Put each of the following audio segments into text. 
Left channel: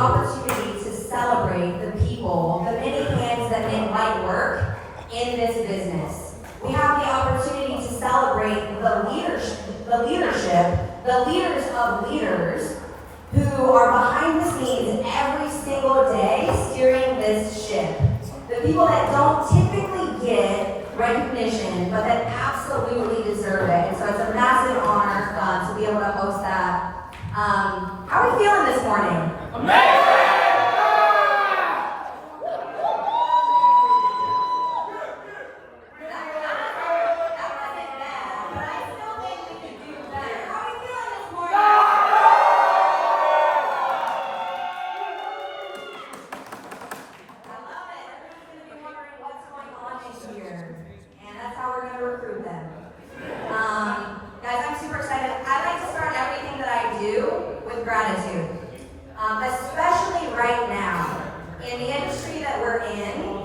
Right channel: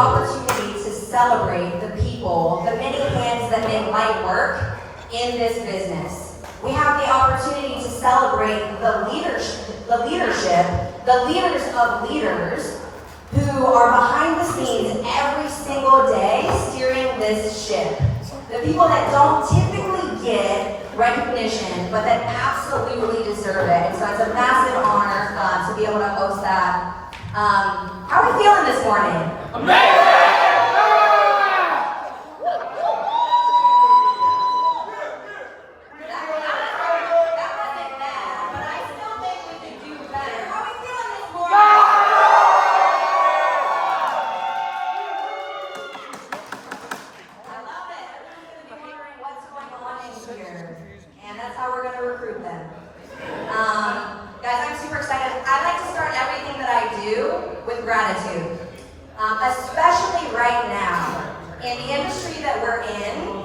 opportunity to celebrate the people, the many hands that make light work in this business. We have the opportunity to celebrate the leaders of leaders who are behind the scenes every single day steering this ship. The people that don't typically get recognition, but that absolutely deserve it. And so it's a massive honor to be able to host that. How are we feeling this morning? Amazing! Recruit them. Guys, I'm super excited. I like to start everything that I do with gratitude. Especially right now, in the industry that we're in,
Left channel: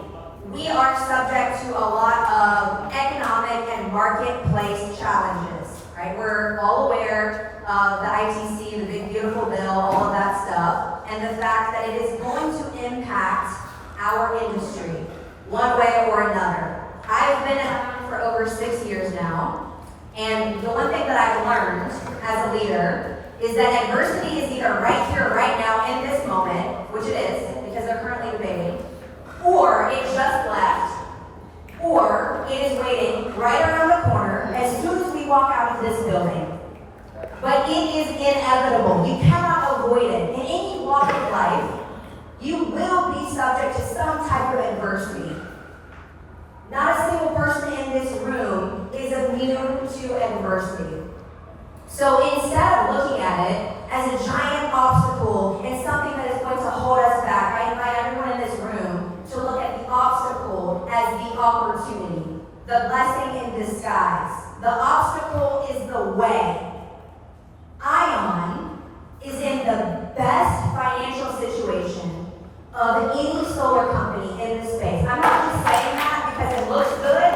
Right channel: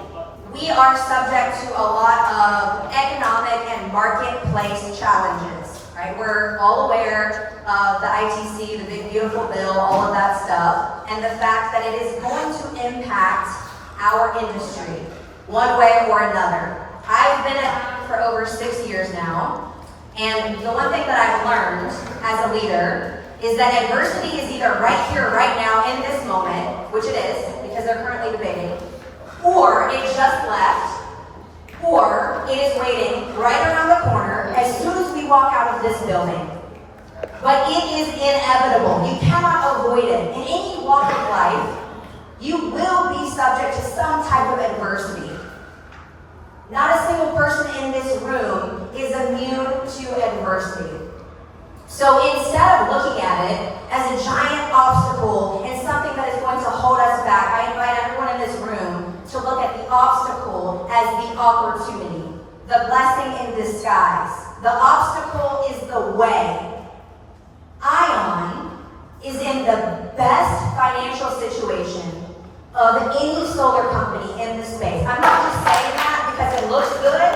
we are subject to a lot of economic and marketplace challenges, right? We're all aware of the ITC, the big beautiful bill, all of that stuff, and the fact that it is going to impact our industry one way or another. I've been at for over 6 years now, and the one thing that I've learned as a leader is that adversity is either right here, right now, in this moment, which it is, because they're currently debating, or it just left, or it is waiting right around the corner as soon as we walk out of this building. But it is inevitable. You cannot avoid it. In any walk of life, you will be subject to some type of adversity. Not a single person in this room is immune to adversity. So instead of looking at it as a giant obstacle and something that is going to hold us back, I invite everyone in this room to look at the obstacle as the opportunity, the blessing in disguise. The obstacle is the way. Ion is in the best financial situation of any solar company in the space. I'm not just saying that because it looks good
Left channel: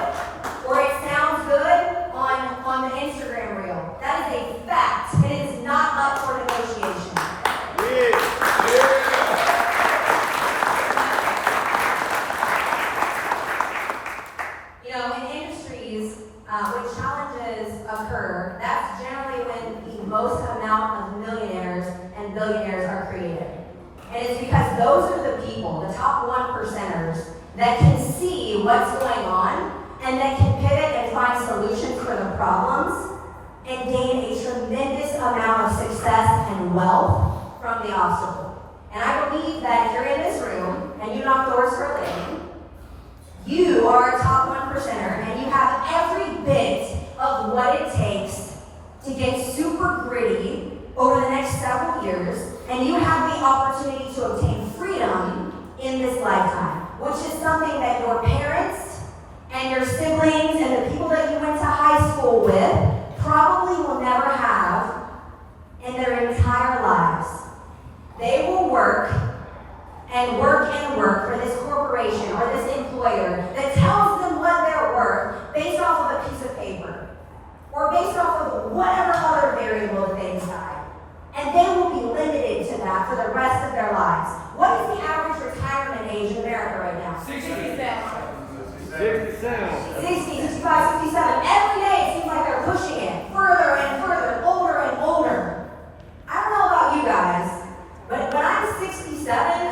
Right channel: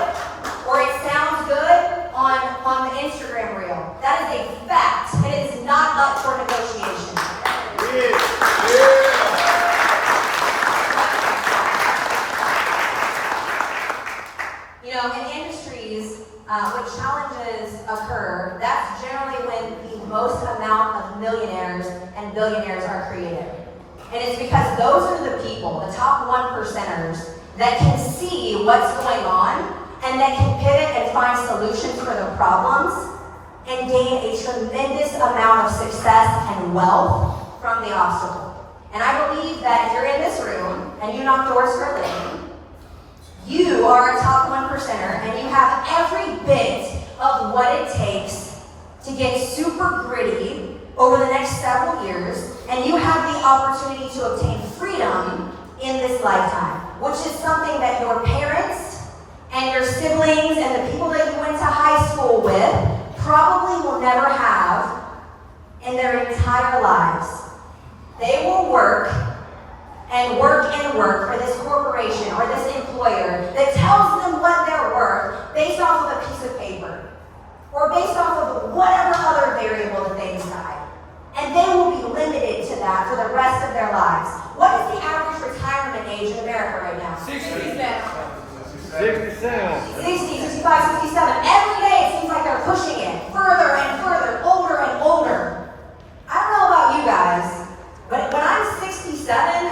or it sounds good on the Instagram reel. That is a fact. It is not up for negotiation. You know, in industries when challenges occur, that's generally when the most amount of millionaires and billionaires are created. And it's because those are the people, the top 1%ers, that can see what's going on and that can pivot and find solutions for the problems and gain a tremendous amount of success and wealth from the obstacle. And I believe that if you're in this room and you knock doors for a living, you are a top 1%er and you have every bit of what it takes to get super gritty over the next several years, and you have the opportunity to obtain freedom in this lifetime, which is something that your parents and your siblings and the people that you went to high school with probably will never have in their entire lives. They will work and work and work for this corporation or this employer that tells them what they're worth based off of a piece of paper or based off of whatever other variable that they decide. And they will be limited to that for the rest of their lives. What is the average retirement age in America right now? 67. 65, 67. Every day it seems like they're pushing it further and further, older and older. I don't know about you guys, but when I'm 67,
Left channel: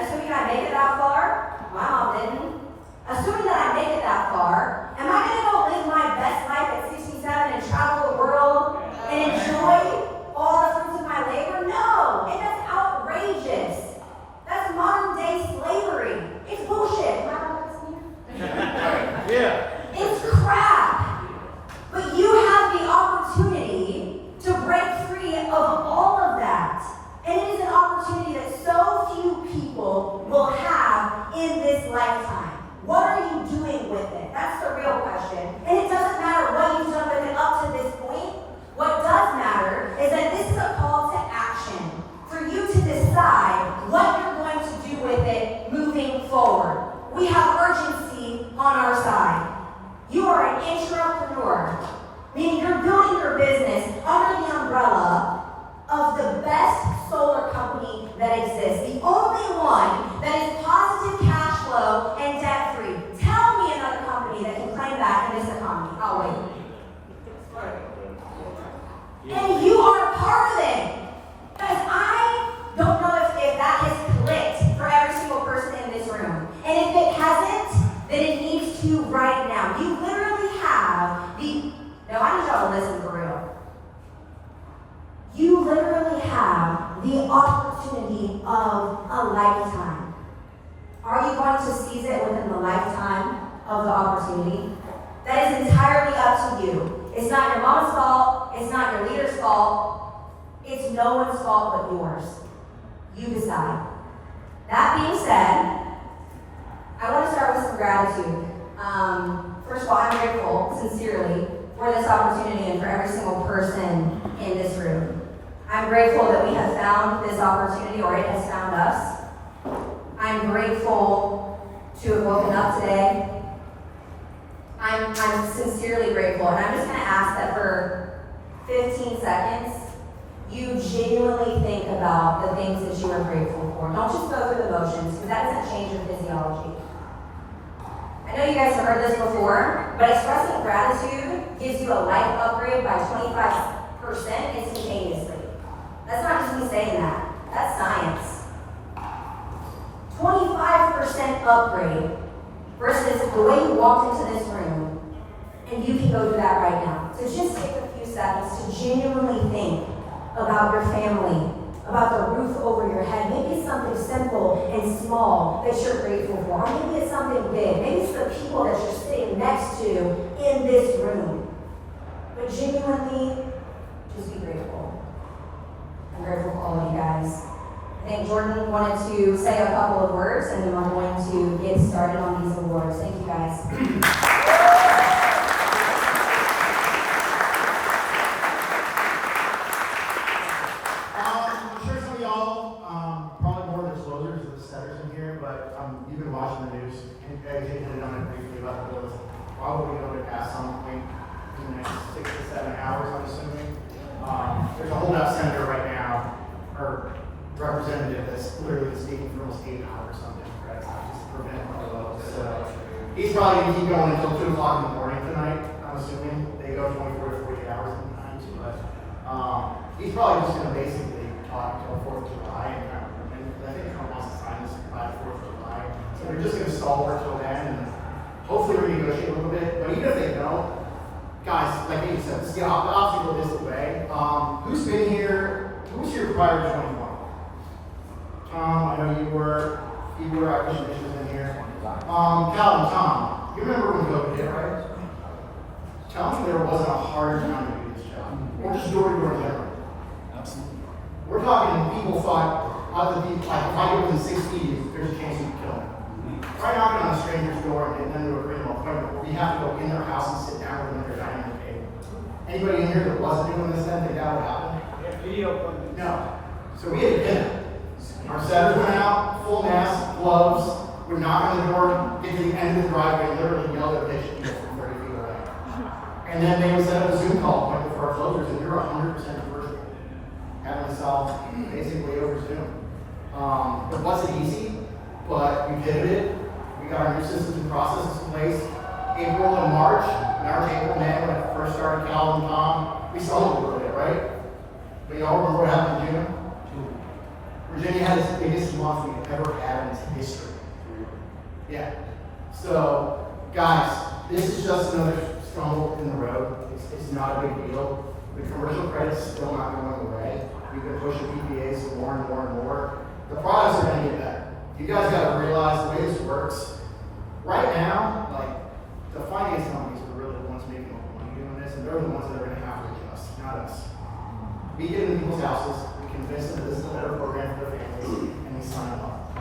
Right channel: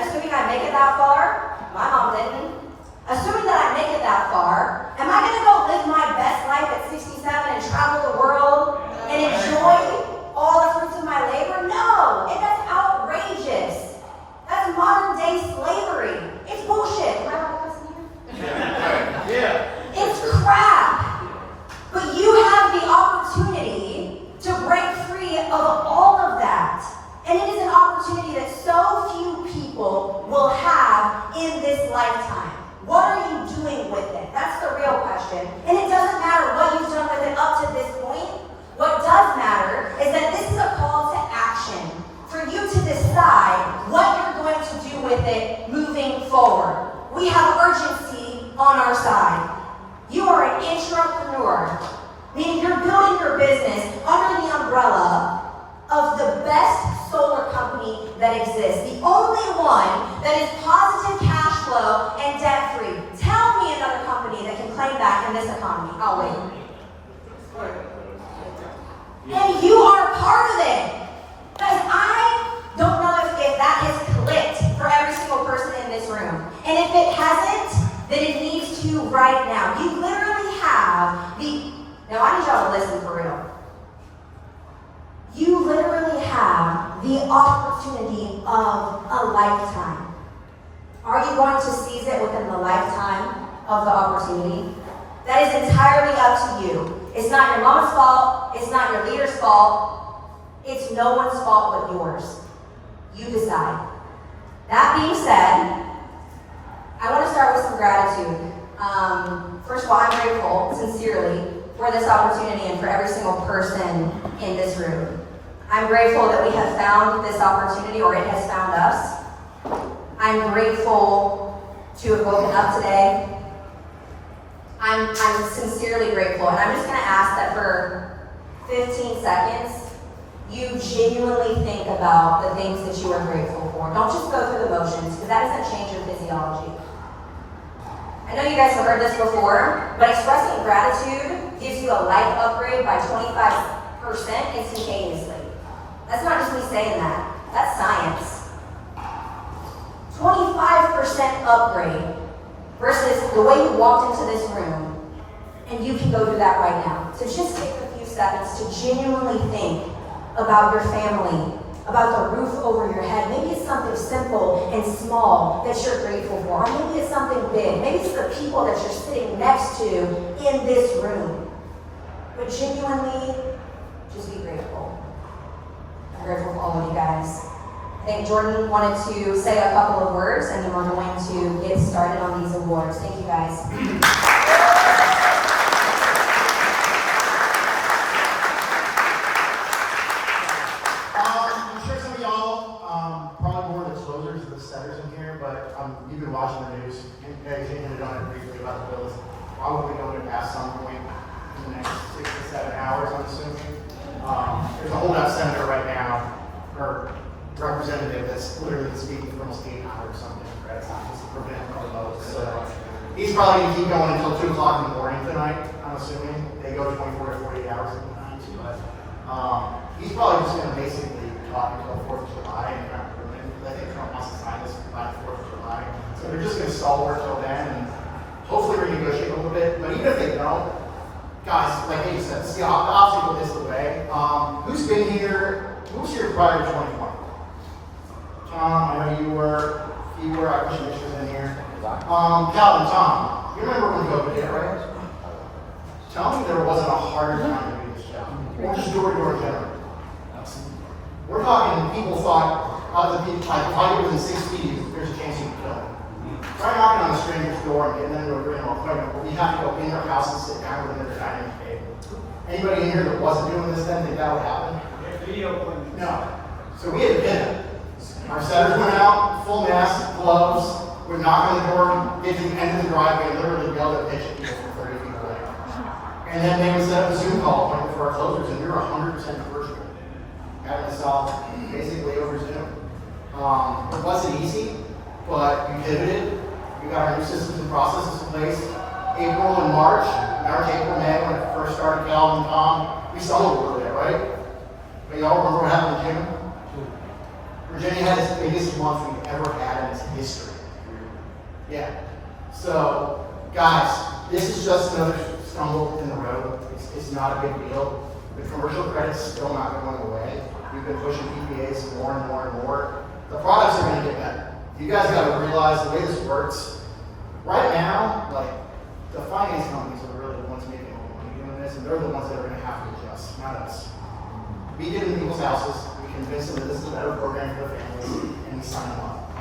assuming I make it that far, my mom didn't, assuming that I make it that far, am I going to go live my best life at 67 and travel the world and enjoy all the fruits of my labor? No, and that's outrageous. That's modern day slavery. It's bullshit. Am I wrong, Stephen? Yeah. It's crap. But you have the opportunity to break free of all of that. And it is an opportunity that so few people will have in this lifetime. What are you doing with it? That's the real question. And it doesn't matter what you've done with it up to this point. What does matter is that this is a call to action for you to decide what you're going to do with it moving forward. We have urgency on our side. You are an intrapreneur, meaning you're building your business under the umbrella of the best solar company that exists, the only one that is positive cash flow and debt-free. Tell me another company that can claim that in this economy. I'll wait. And you are a part of it. Guys, I don't know if that has clicked for every single person in this room. And if it hasn't, then it needs to right now. You literally have now I need y'all to listen for real. You literally have the opportunity of a lifetime. Are you going to seize it within the lifetime of the opportunity? That is entirely up to you. It's not your mom's fault. It's not your leader's fault. It's no one's fault but yours. You decide. That being said, I want to start with some gratitude. First of all, I'm grateful, sincerely, for this opportunity and for every single person in this room. I'm grateful that we have found this opportunity, or it has found us. I'm grateful to have woken up today. I'm sincerely grateful, and I'm just going to ask that for 15 seconds, you genuinely think about the things that you are grateful for. Don't just go through the motions, because that doesn't change your physiology. I know you guys have heard this before, but expressing gratitude gives you a life upgrade by 25% instantaneously. That's not just me saying that. That's science. 25% upgrade versus the way you walked into this room, and you can go do that right now. So just take a few seconds to genuinely think about your family, about the roof over your head. Maybe it's something simple and small that you're grateful for. Or maybe it's something big. Maybe it's the people that you're sitting next to in this room. But genuinely, just be grateful. I'm grateful for all of you guys. I think Jordan wanted to say a couple of words, and then we're going to get started on these awards. Thank you guys. I'm sure some of y'all probably more the closers or the setters in here, but you've been watching the news. You guys hinted it on it briefly about the bills. Probably going to pass some point in the next 6 to 7 hours, I'm assuming. There's a holdout senator right now, or representative that's literally speaking for almost 8 hours or something, right? It's not just to prevent overload. So he's probably going to keep going until 2 o'clock in the morning tonight, I'm assuming. They go 24 to 48 hours sometimes, but he's probably just going to basically talk until 4th of July, and I think Trump wants to sign this by the 4th of July. So they're just going to stall for until then, and hopefully renegotiate a little bit. But even if they don't, guys, like you said, the obstacle is the way. Who's been here? Who was here prior to 2020? Tom, I know you were, I wish Mitch was in here. Calvin, Tom, you remember when COVID hit, right? Tell me there wasn't a harder time to do this job. Or just door-to-door in general. We're talking, people thought, if I get within 6 feet, there's a chance you can kill me. Try knocking on a stranger's door and then we're in an appointment where you have to go in their house and sit down with them at their dining room table. Anybody in here that wasn't doing this then, think that would happen? Video appointment. No. So we had a dinner. Our setters went out, full mask, gloves, would knock on the door, get to the end of the driveway, and literally yell at pitch at people from 30 feet away. And then they would set up a Zoom call appointment for our closers, and you're 100% virtual. Having to solve basically over Zoom. It wasn't easy, but we pivoted. We got our new systems and processes in place. April and March, March, April, May, when it first started, Calvin and Tom, we saw a little bit, right? But y'all remember what happened in June? Virginia had its biggest month we've ever had in its history. Yeah. So, guys, this is just another stumble in the road. It's not a big deal. The commercial credit's still not going away. We've been pushing PPAs more and more and more. The products are going to get better. You guys got to realize the way this works. Right now, like, the finance companies are really the ones making all the money doing this, and they're the ones that are going to have to adjust, not us. We get into people's houses, we convince them that this is a better program for their families, and we sign them up.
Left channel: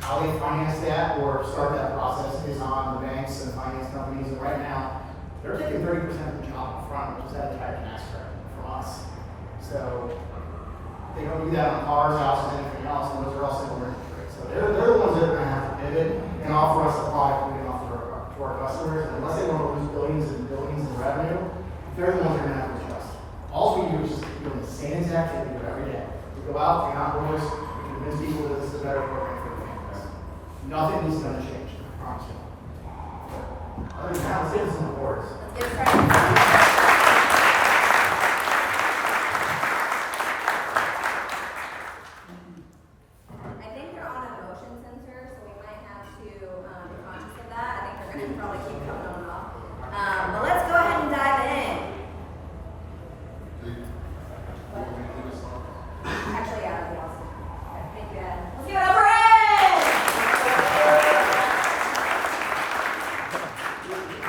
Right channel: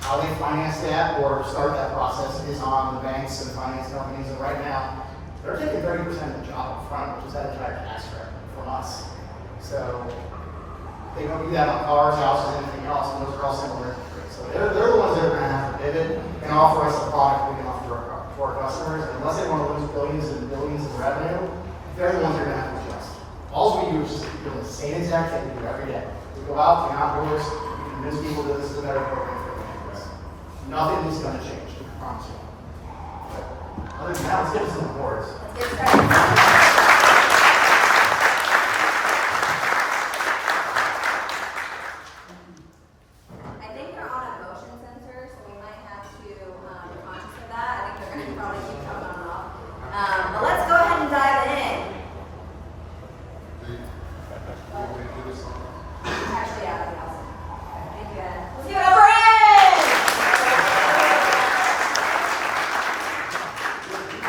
How they finance that or start that process is on the banks and the finance companies, and right now, they're taking 30% of the job up front, which is that entire tax credit from us. So they don't do that on cars, houses, anything else, and those are all single interest rates. So they're the ones that are going to have to pivot and offer us a product we can offer to our customers. And unless they want to lose billions and billions in revenue, they're the ones that are going to have to adjust. All we do is just doing the same exact thing we do every day. We go out, we knock doors, we convince Other than that, citizen awards. Get started. I think they're on a motion sensor, so we might have to be conscious of that. I think they're going to probably keep coming on and off. But let's go ahead and dive in. Actually, yeah, that'd be awesome. Okay, thank you, Ed. Let's give it up for Ed!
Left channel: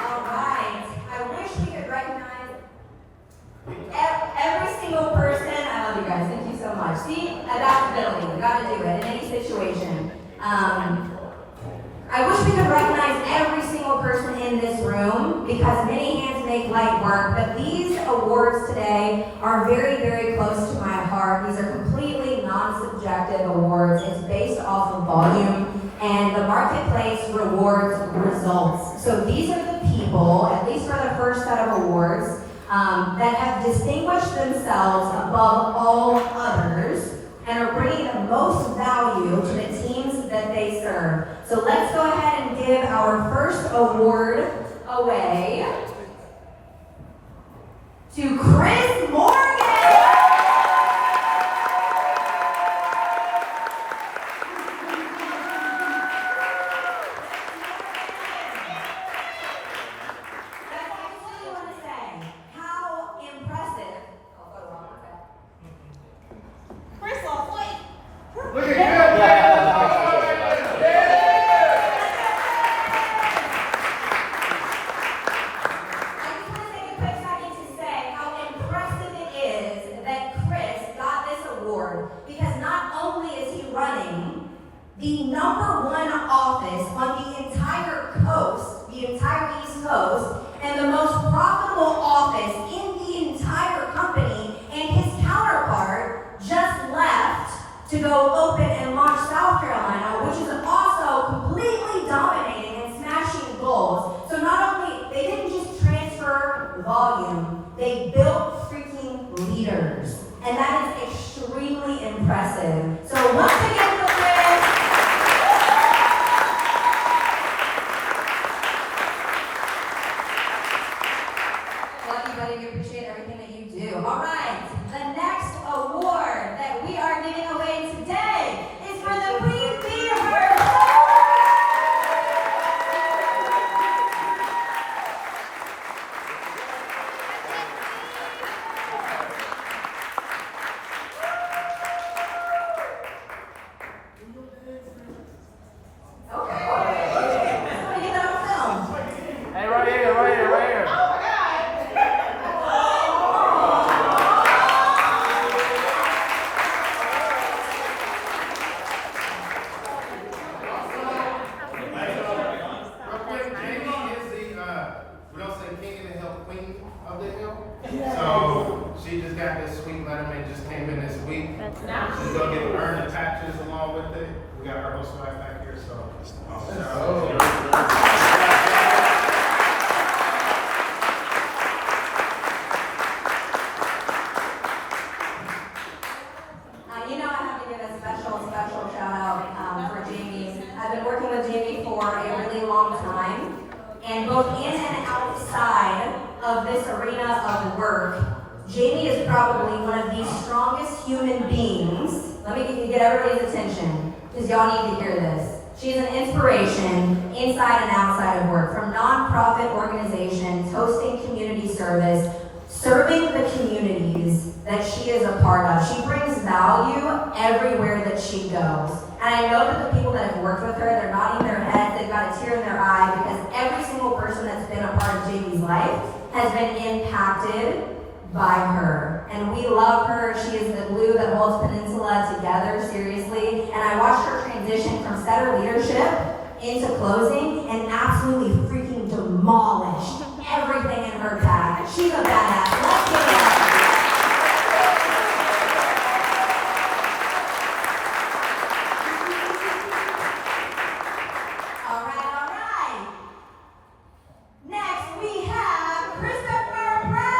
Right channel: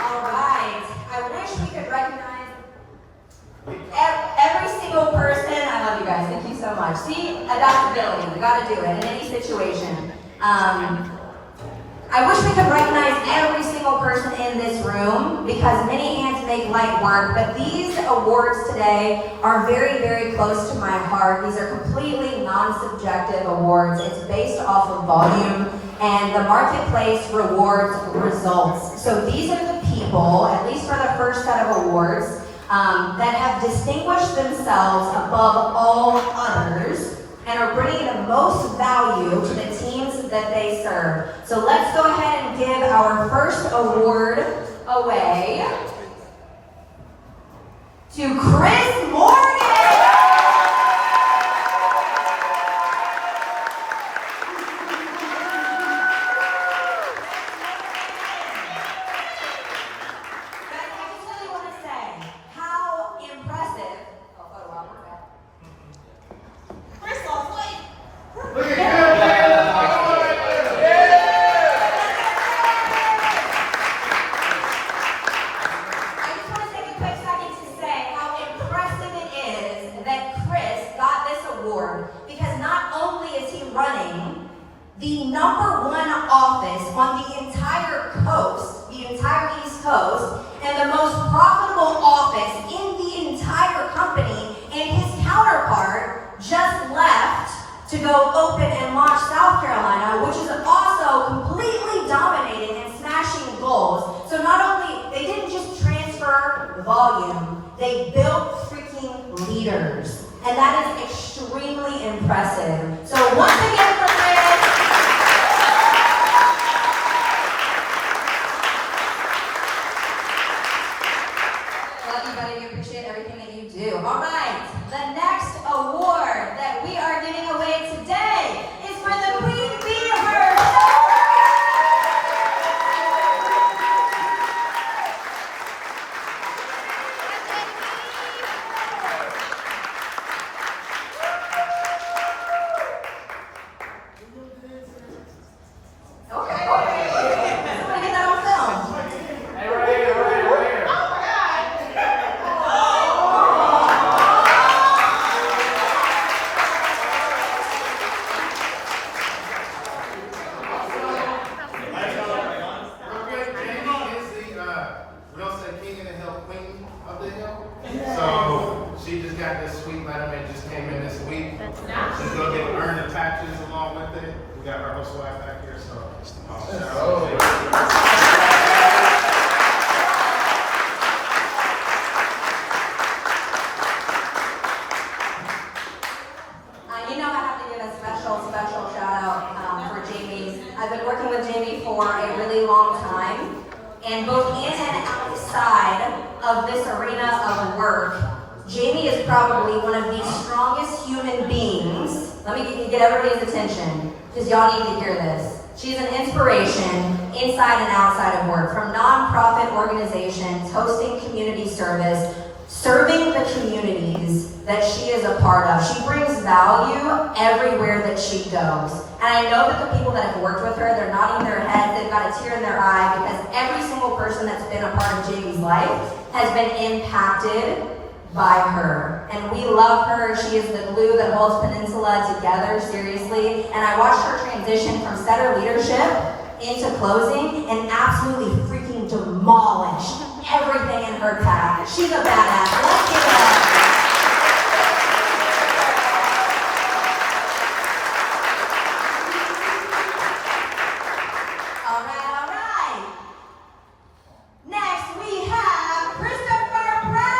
All right. I wish we could recognize every single person. I love you guys. Thank you so much. See, adaptability. We got to do it in any situation. I wish we could recognize every single person in this room because many hands make light work, but these awards today are very, very close to my heart. These are completely non-subjective awards. It's based off of volume, and the marketplace rewards results. So these are the people, at least for the first set of awards, that have distinguished themselves above all others and are bringing the most value to the teams that they serve. So let's go ahead and give our first award away to Chris Morgan. Look at him, man! I just want to take a quick second to say how impressive it is that Chris got this award because not only is he running the #1 office on the entire coast, the entire East Coast, and the most profitable office in the entire company, and his counterpart just left to go open and launch South Carolina, which is also completely dominating and smashing goals. So not only, they didn't just transfer volume, they built freaking leaders. And that is extremely impressive. So once again for Chris. Love you, buddy. We appreciate everything that you do. All right. The next award that we are giving away today is for the Queen Bee herself. Okay. Let me get that on film. Hey, right here, right here, right here. We don't say king of the hill, queen of the hill. So she just got this sweet letter that just came in this week. She's gonna get earn the taxes along with it. We got her whole swag back here, so. Shout out to you. You know I have to give a special shout out for Jamie. I've been working with Jamie for a really long time, and both in and outside of this arena of work, Jamie is probably one of the strongest human beings. Let me get everybody's attention, because y'all need to hear this. She's an inspiration inside and outside of work, from nonprofit organizations, hosting community service, serving the communities that she is a part of. She brings value everywhere that she goes. And I know that the people that have worked with her, they're nodding their heads, they've got a tear in their eye, because every single person that's been a part of Jamie's life has been impacted by her. And we love her. She is the glue that holds Peninsula together, seriously. And I watched her transition from setter leadership into closing and absolutely freaking demolish everything in her path. She's a badass. Let's give it up. All right. Next we have Christopher Brown.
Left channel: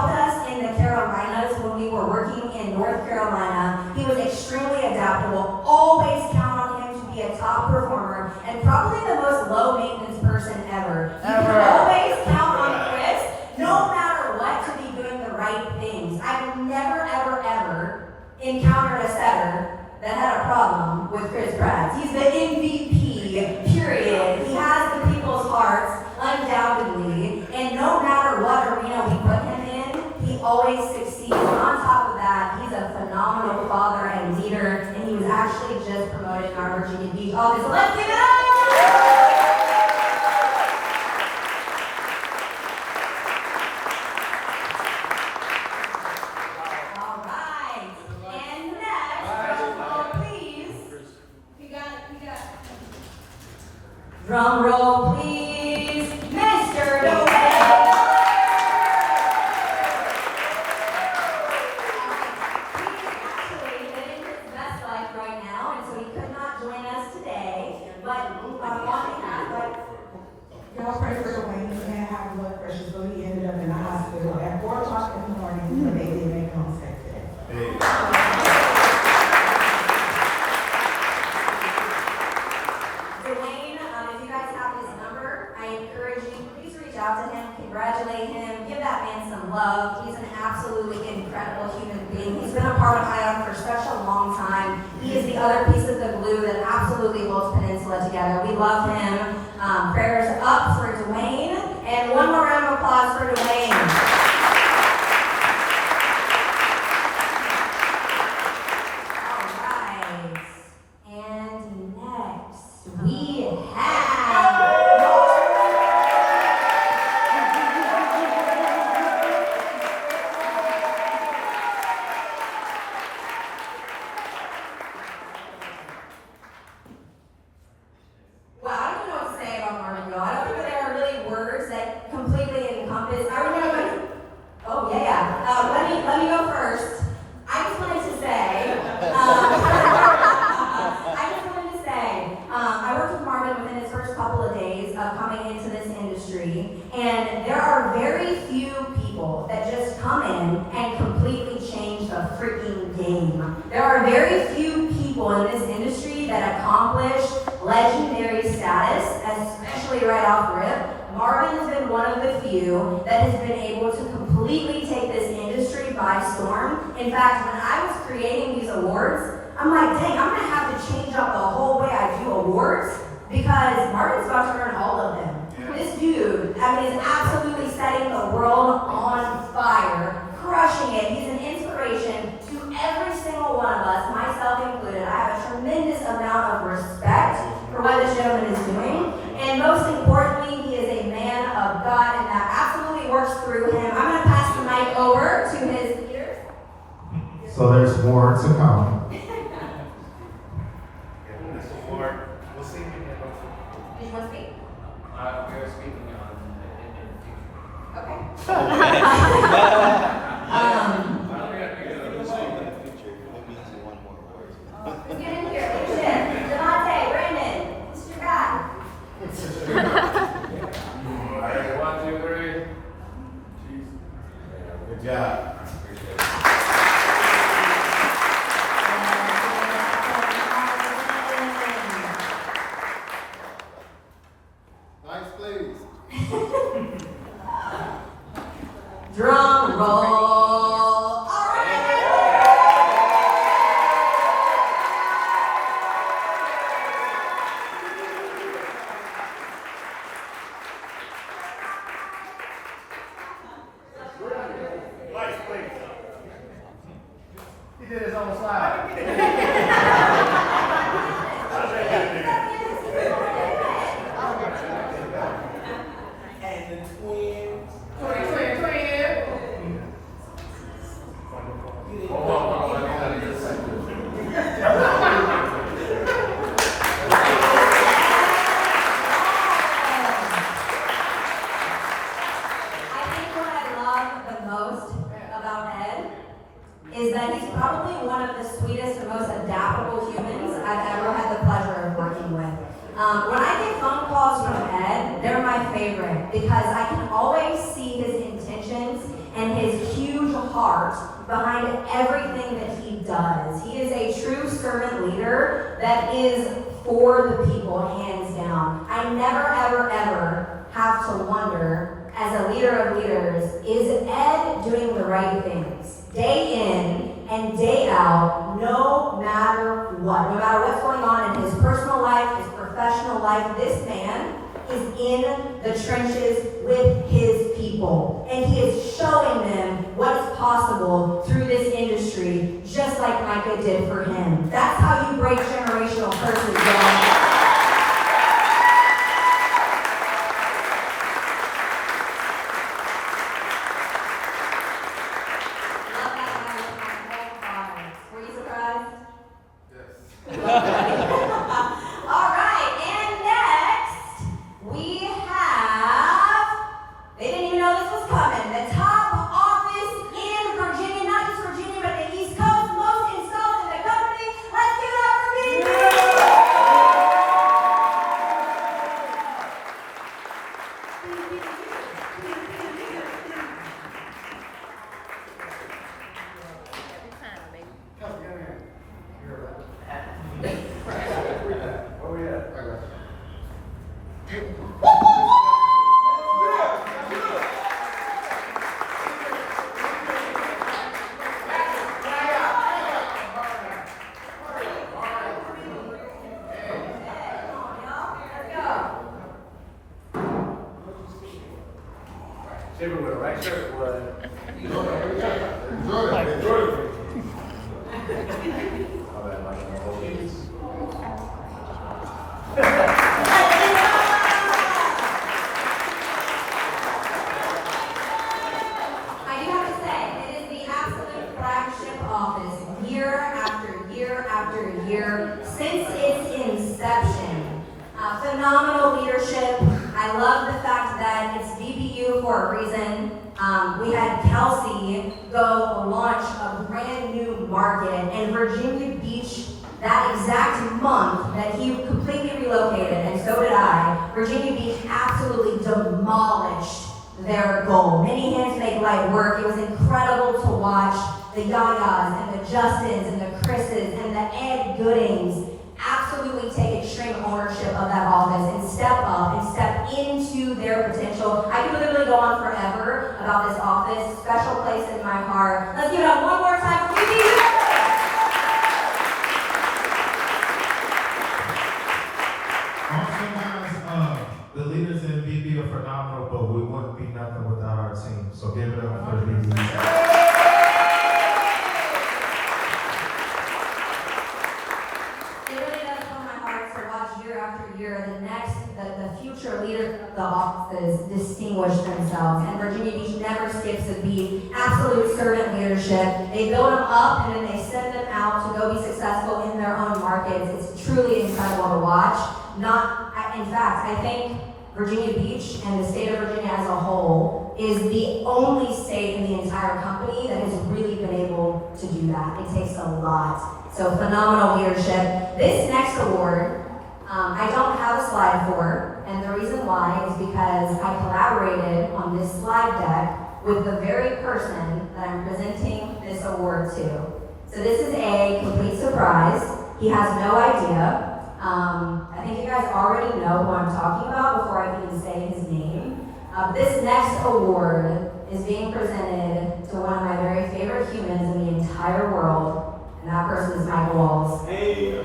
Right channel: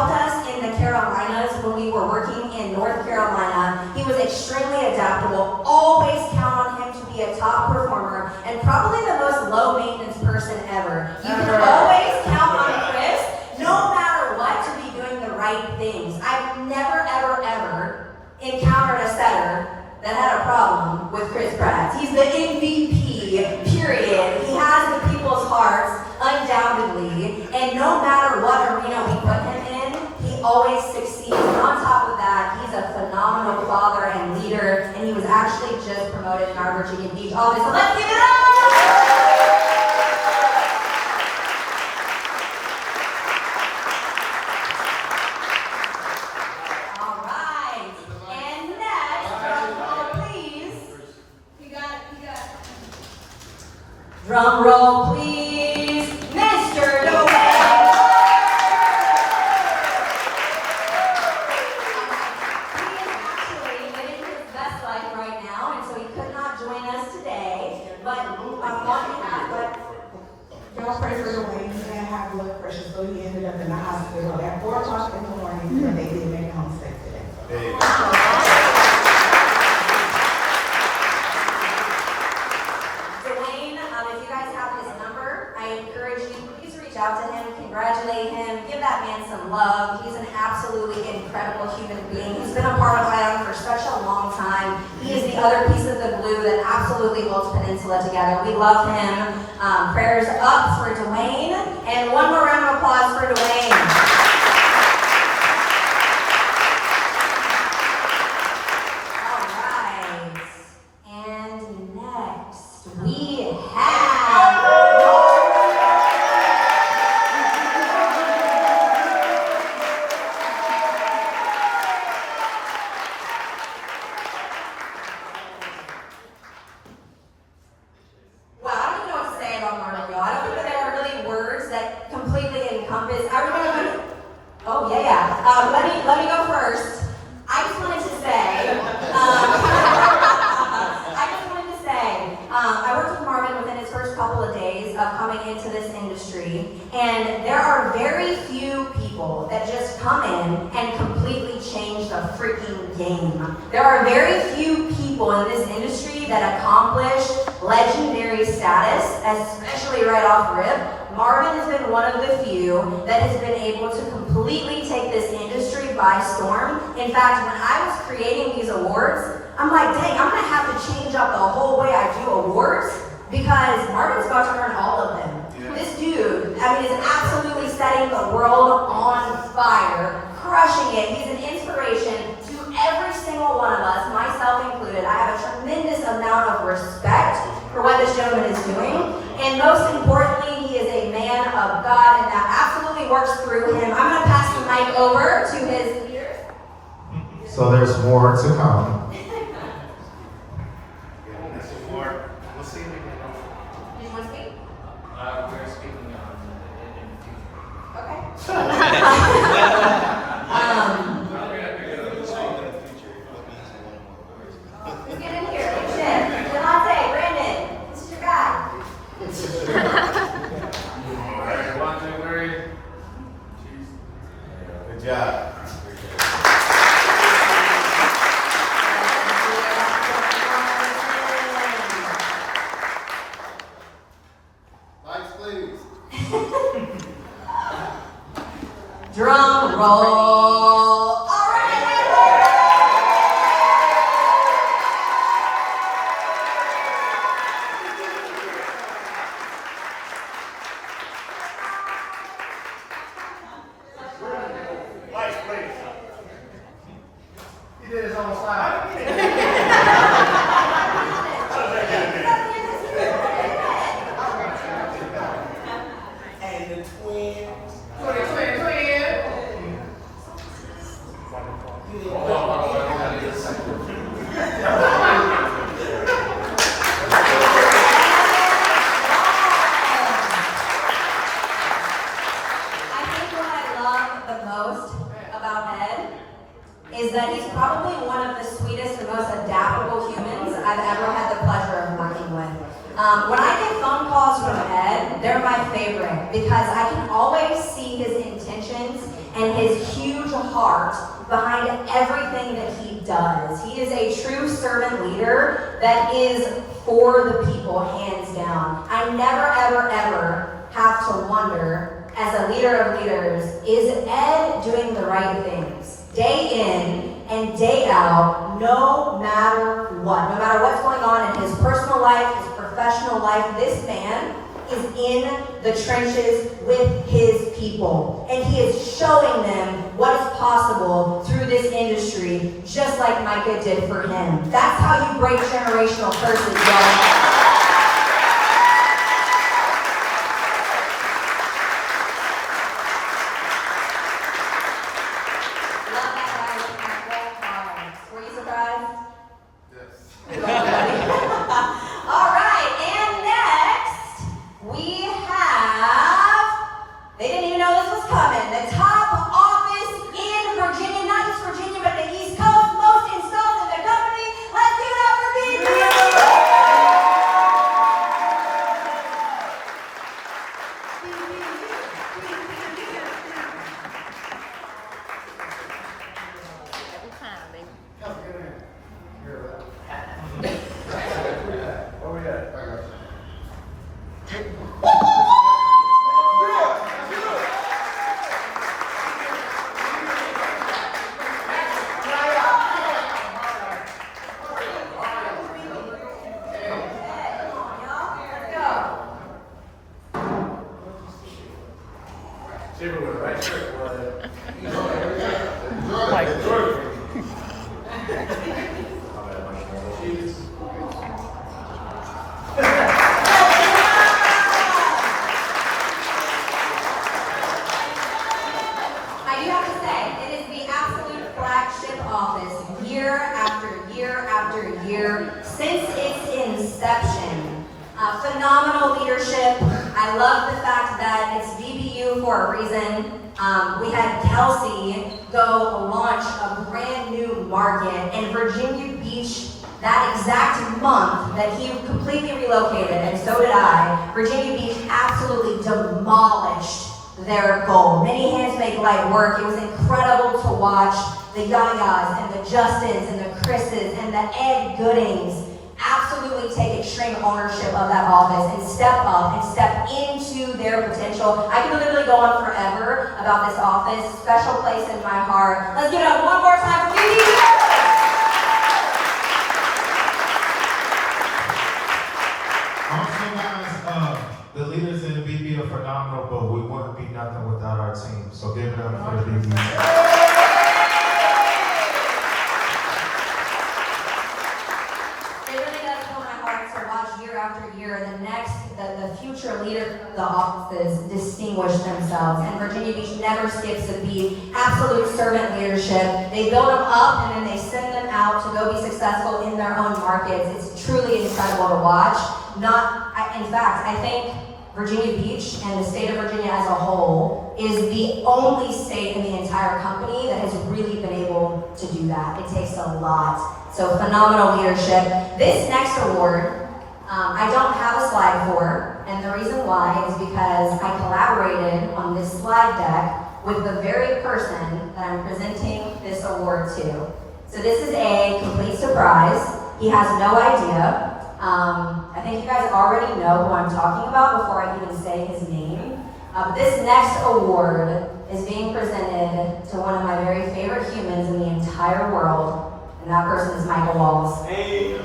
helped us in the Carolinas when we were working in North Carolina. He was extremely adaptable. Always count on him to be a top performer and probably the most low maintenance person ever. You can always count on Chris, no matter what, to be doing the right things. I've never, ever, ever encountered a setter that had a problem with Chris Pratt. He's the MVP, period. He has the people's hearts, undoubtedly, and no matter what arena we put him in, he always succeeds. And on top of that, he's a phenomenal father and leader, and he was actually just promoted in our Virginia Beach office. So let's give it up! All right, and next, please. You got it. Drum roll, please. Mr. Doe. Y'all pray for Dwayne. He had high blood pressure, so he ended up in the hospital at 4 o'clock in the morning, but they didn't make home safe today. Dwayne, if you guys have his number, I encourage you, please reach out to him, congratulate him, give that man some love. He's an absolutely incredible human being. He's been a part of Highland for such a long time. He is the other piece of the glue that absolutely holds Peninsula together. We love him. Prayers up for Dwayne, and one more round of applause for Dwayne. All right, and next we have let me go first. I just wanted to say, I worked with Marvin within his first couple of days of coming into this industry, and there are very few people that just come in and completely change the freaking game. There are very few people in this industry that accomplish legendary status, especially right off rip. Marvin has been one of the few that has been able to completely take this industry by storm. In fact, when I was creating these awards, I'm like, dang, I'm gonna have to change up the whole way I do awards because Marvin's about to earn all of them. Yeah. This dude, is absolutely setting the world on fire, crushing it. He's an inspiration to every single one of us, myself included. I have a tremendous amount of respect for what this gentleman is doing. And most importantly, he is a man of God, and that absolutely works through him. I'm going to pass the mic over to his leaders. So there's more to come. We'll see when we get over. Do you want to speak? We're speaking in the future. Okay. Who's getting here? Delonte, Brandon, this is your guy. All right, 1, 2, 3. Good job. Lights, please. Drum roll. All right. Lights, please. He did his own slide. And the twins. Is that he's probably one of the sweetest and most adaptable humans I've ever had the pleasure of working with. When I get phone calls from Ed, they're my favorite because I can always see his intentions and his huge heart behind everything that he does. He is a true servant leader that is for the people, hands down. I never, ever, ever have to wonder, as a leader of leaders, is Ed doing the right things? Day in and day out, no matter what. No matter what's going on in his personal life, his professional life, this man is in the trenches with his people. And he is showing them what is possible through this industry, just like Micah did for him. That's how you break generational curses, y'all. Shaver with a right shirt was. I do have to say, it is the absolute flagship office year after year after year since its inception. Phenomenal leadership. I love the fact that it's VBU for a reason. We had Kelsey go launch a brand new market in Virginia Beach that exact month that he completely relocated, and so did I. Virginia Beach absolutely demolished their goal. Many hands make light work. It was incredible to watch the Yayas and the Justins and the Chris's and the Ed Goodings absolutely take extreme ownership of that office and step up and step into their potential. I could literally go on forever about this office. Special place in my heart. Let's give it up one more time for BB. Also, guys, the leaders in the BB are phenomenal, but we wouldn't be nothing without our team. So give it up for the BB. The future leaders of the offices distinguish themselves, and Virginia Beach never skips a beat. Absolute servant leadership. They build them up and then they send them out to go be successful in their own markets. It's truly incredible to watch. In fact, I think Virginia Beach and the state of Virginia as a whole is the only state in the entire company that has really been able to do that. It takes a lot. So phenomenal leadership. This next award, I don't have a slide for, and the reason why is because I collaborated on this slide deck with the very person that I'm presenting this award to. So this is a complete surprise. He has no idea. I think you guys already know who I'm talking about before I even say his name. This next award is being presented to one of my very favorite humans in the entire world, and that person is Michael Walls. Hey.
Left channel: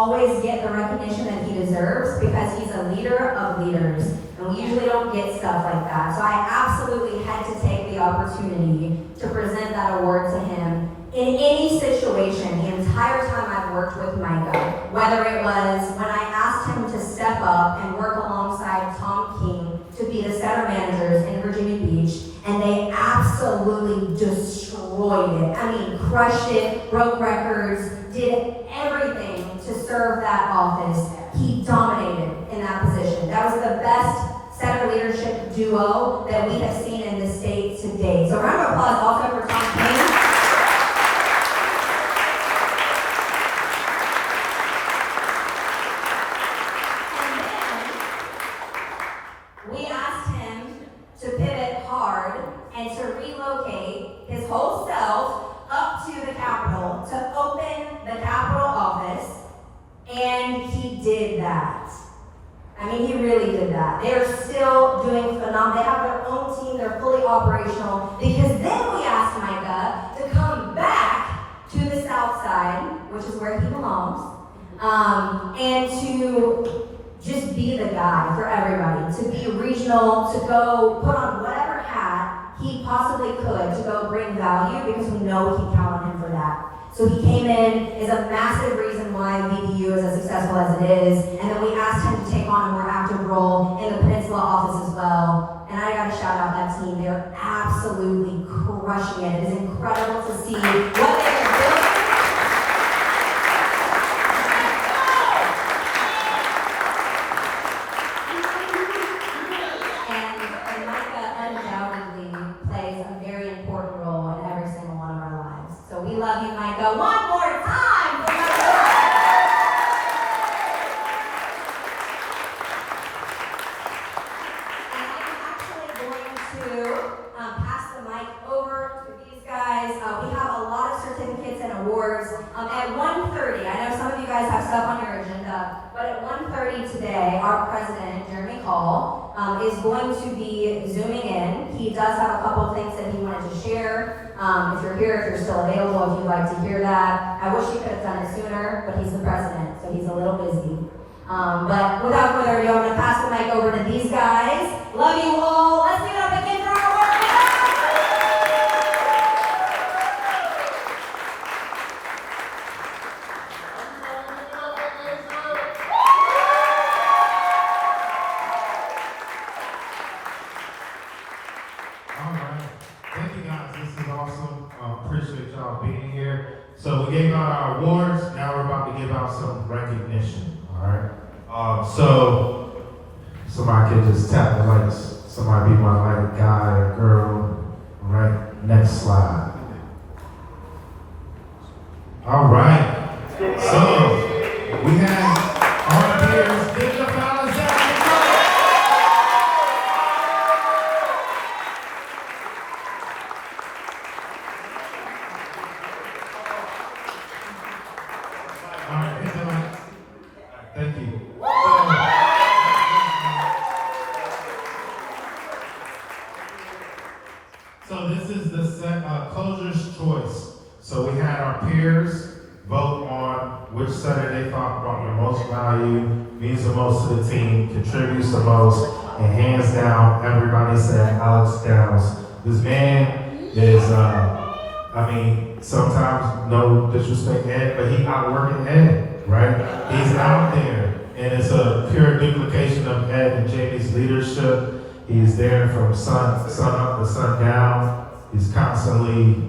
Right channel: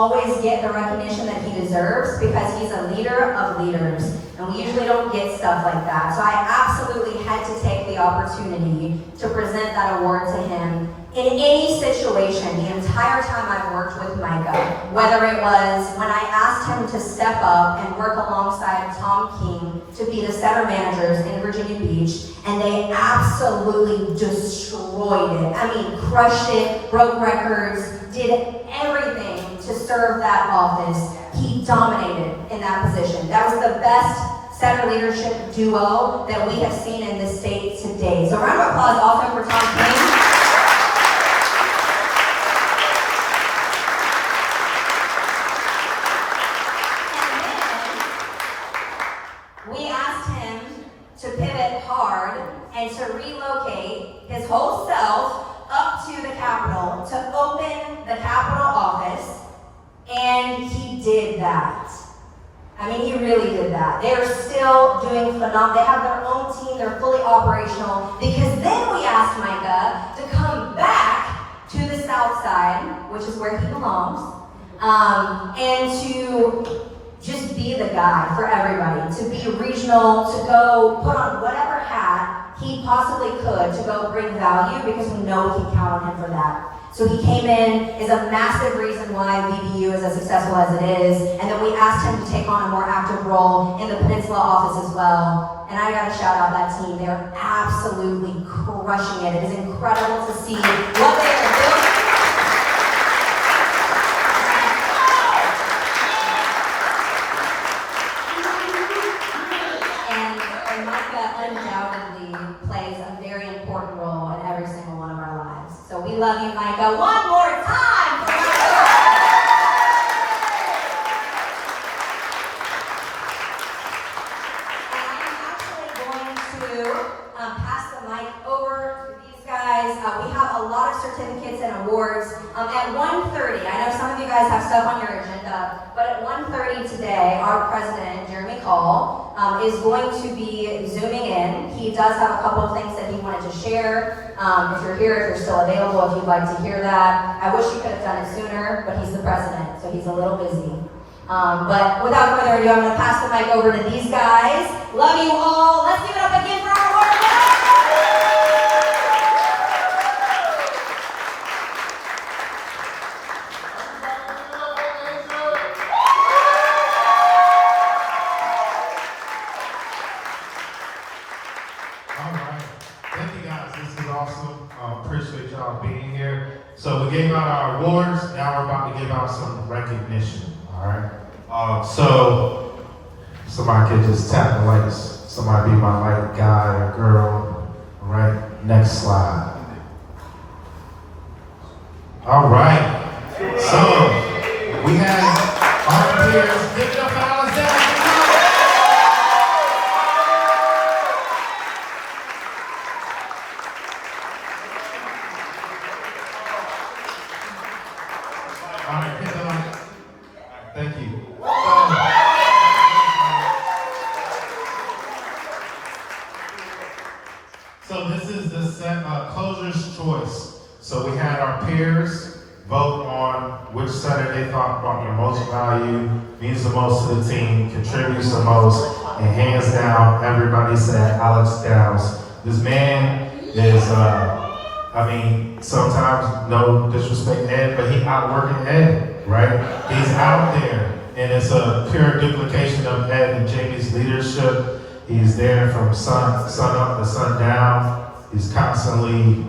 always get the recognition that he deserves because he's a leader of leaders. And we usually don't get stuff like that. So I absolutely had to take the opportunity to present that award to him in any situation the entire time I've worked with Micah. Whether it was when I asked him to step up and work alongside Tom King to be the center managers in Virginia Beach, and they absolutely destroyed it. I mean, crushed it, broke records, did everything to serve that office. He dominated in that position. That was the best center leadership duo that we have seen in this state to date. So a round of applause also for Tom King. We asked him to pivot hard and to relocate his whole self up to the Capitol to open the Capitol office, and he did that. I mean, he really did that. They are still doing phenomenal. They have their own team. They're fully operational. Because then we asked Micah to come back to the Southside, which is where he belongs, and to just be the guy for everybody, to be regional, to go put on whatever hat he possibly could to go bring value, because we know we can count on him for that. So he came in, is a massive reason why VBU is as successful as it is, and then we asked him to take on a more active role in the Peninsula office as well. And I gotta shout out that team. They're absolutely crushing it. It is incredible to see what they are building. And Micah undoubtedly plays a very important role in every single one of our lives. So we love you, Micah. One more time for Micah. Pass the mic over to these guys. We have a lot of certificates and awards. At 1:30, I know some of you guys have stuff on your agenda, but at 1:30 today, our president, Jeremy Call, is going to be zooming in. He does have a couple of things that he wanted to share. If you're here, if you're still available, if you'd like to hear that. I wish he could have done it sooner, but he's the president, so he's a little busy. But without further ado, I'm going to pass the mic over to these guys. Love you all. Let's give it up again for our award. All right. Thank you guys. This is awesome. Appreciate y'all being here. So we gave out our awards. Now we're about to give out some recognition. All right. So somebody can just tap the lights. Somebody be my light guy or girl. All right. Next slide. All right. So we have our peers. Give it up for Alexander. Thank you. So this is the set closer's choice. So we had our peers vote on which center they thought brought the most value, means the most to the team, contributes the most, and hands down, everybody said Alex Downs. This man is, sometimes no disrespect to Ed, but he outworking Ed, right? He's out there, and it's a pure duplication of Ed and Jamie's leadership. He's there from sun up to sun down. He's constantly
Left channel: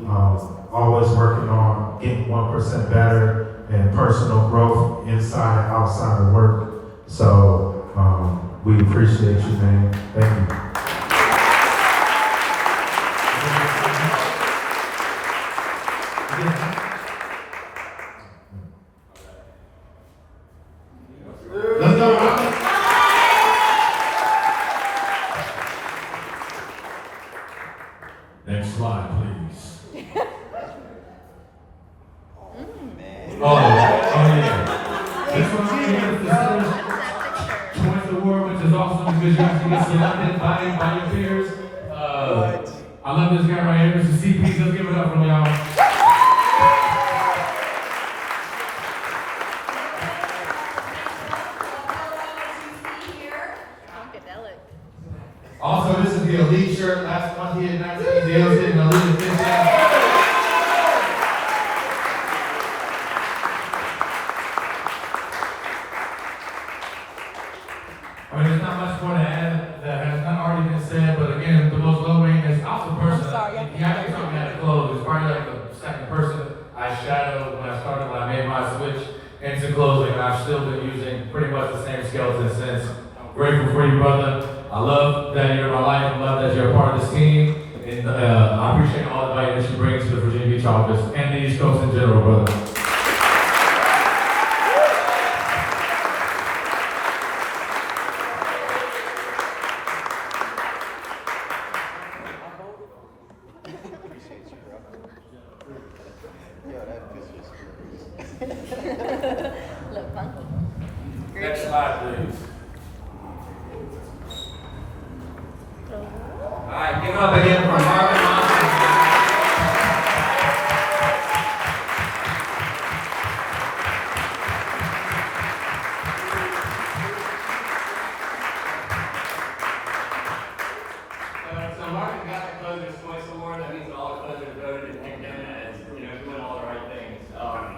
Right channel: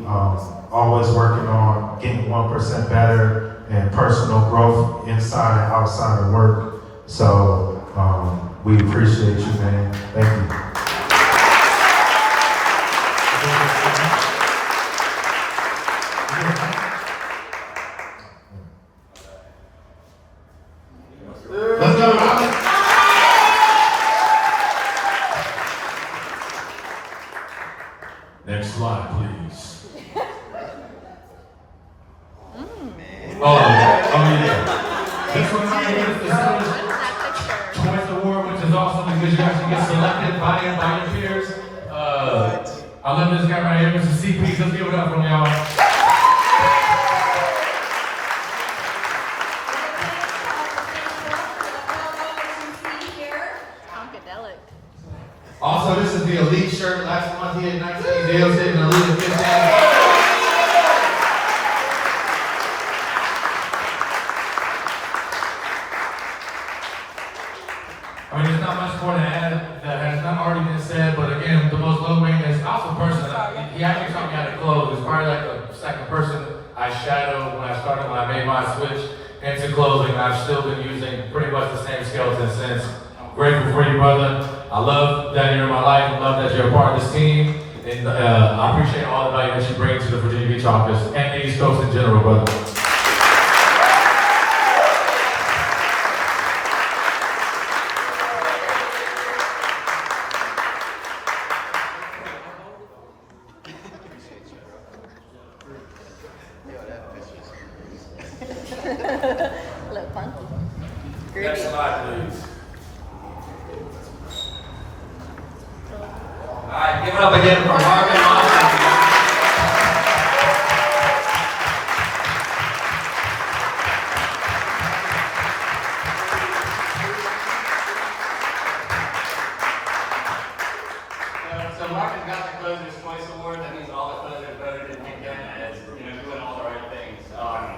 always working on getting 1% better and personal growth inside and outside of work. So we appreciate you, man. Thank you. Let's go, Alex. Next slide, please. Yeah. This one right here is the Center Choice Award, which is awesome because you actually get selected by your peers. I love this guy right here, Mr. CP. Let's give it up for y'all. this is the Elite shirt. Last month he had 19 deals, getting Elite at 15. I mean, there's not much more to add that has not already been said, but again, the most low maintenance, awesome person. He actually taught me how to close. He's probably like the second person I shadowed when I made my switch into closing. I've still been using pretty much the same skeleton since. I'm grateful for you, brother. I love that you're in my life. I love that you're a part of this team. And I appreciate all the value that you bring to the Virginia Beach office and the East Coast in general, brother. Look funky. Next slide, please. All right, give it up again for Marvin Monson. So Marvin got the Closers Choice Award. That means all the closers voted to pick him as, doing all the right things.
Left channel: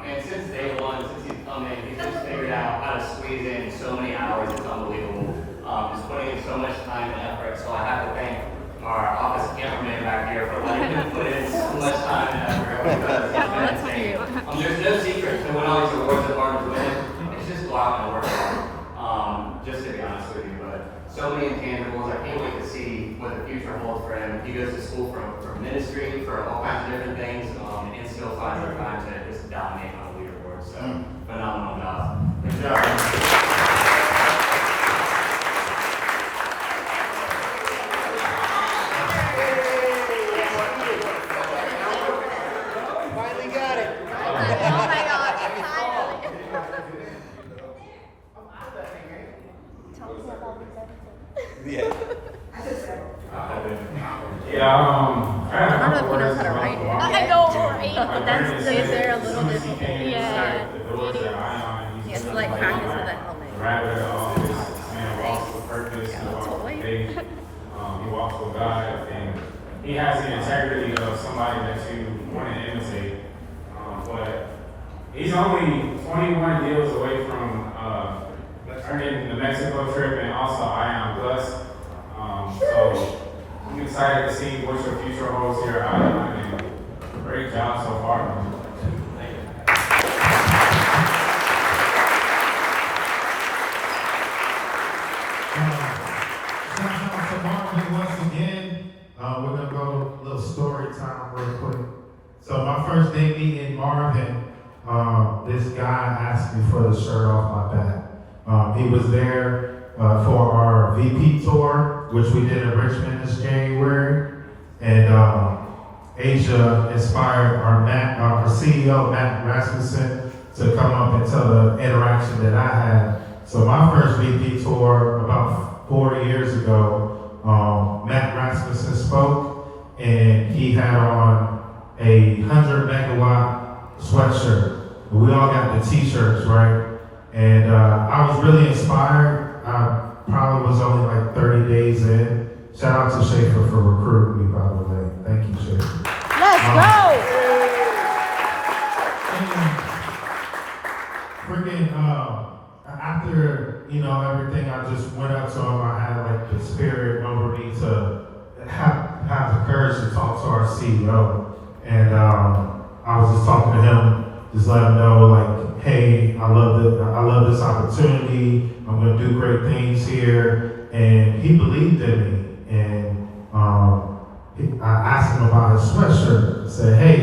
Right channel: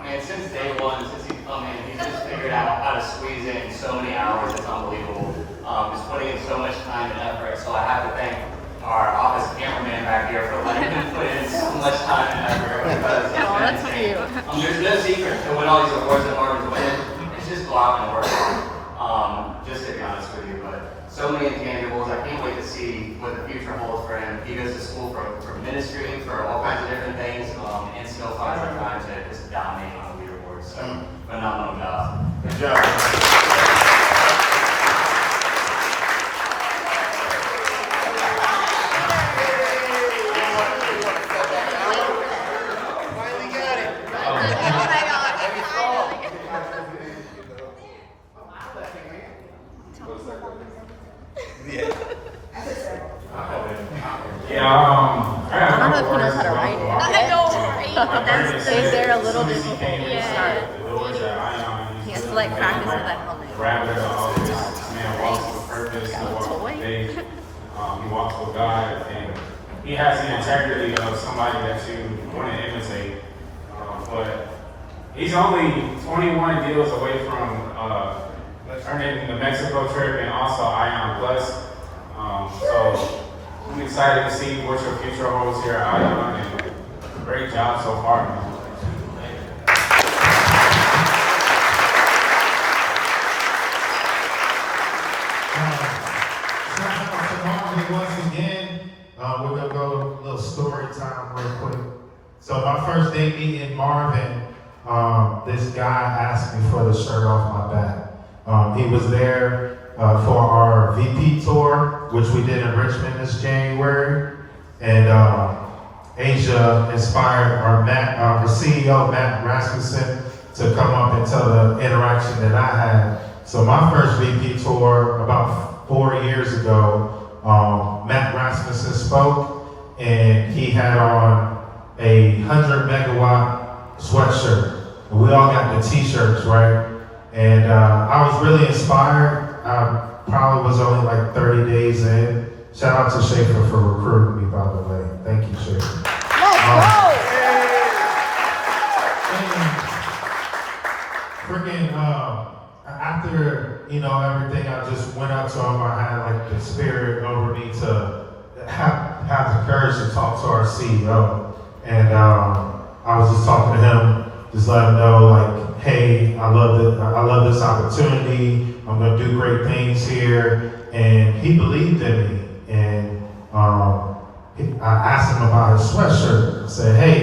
And since day one, since he's come in, he's just figured out how to squeeze in so many hours. It's unbelievable. He's putting in so much time and effort. So I have to thank our office cameraman back here for letting him put in so much time and effort. Because That's not you. there's no secret to win all these awards that Marvin's winning. It's just go out and work hard. Just to be honest with you, but so many intangibles. I can't wait to see what the future holds for him. He goes to school for ministry, for all kinds of different things, and still finds the time to just dominate on the leaderboard. So, phenomenal job. Good job. Oh my gosh, finally. I don't know if he knows how to write it. I know, right? That's they're a little difficult. Yeah. He has to like practice with a helmet. Rather, this man walks with purpose, he walks with faith, he walks with God, and he has the integrity of somebody that you want to imitate. But he's only 21 deals away from earning the Mexico trip and also Ion Plus. So I'm excited to see what your future holds here at Ion, and great job so far. Once again, we're gonna go a little story time real quick. So my first day meeting Marvin, this guy asked me for the shirt off my back. He was there for our VP tour, which we did in Richmond this January, and Asia inspired our CEO Matt Rasmussen to come up and tell the interaction that I had. So my first VP tour about 4 years ago, Matt Rasmussen spoke, and he had on a 100 megawatt sweatshirt. We all got the t-shirts, right? And I was really inspired. I probably was only like 30 days in. Shout out to Schaefer for recruiting me, by the way. Thank you, Schaefer. After, everything, I just went up to him. I had like the spirit over me to have the courage to talk to our CEO. And I was just talking to him, just let him know like, hey, I love this opportunity. I'm gonna do great things here. And he believed in me. And I asked him about his sweatshirt. I said, hey,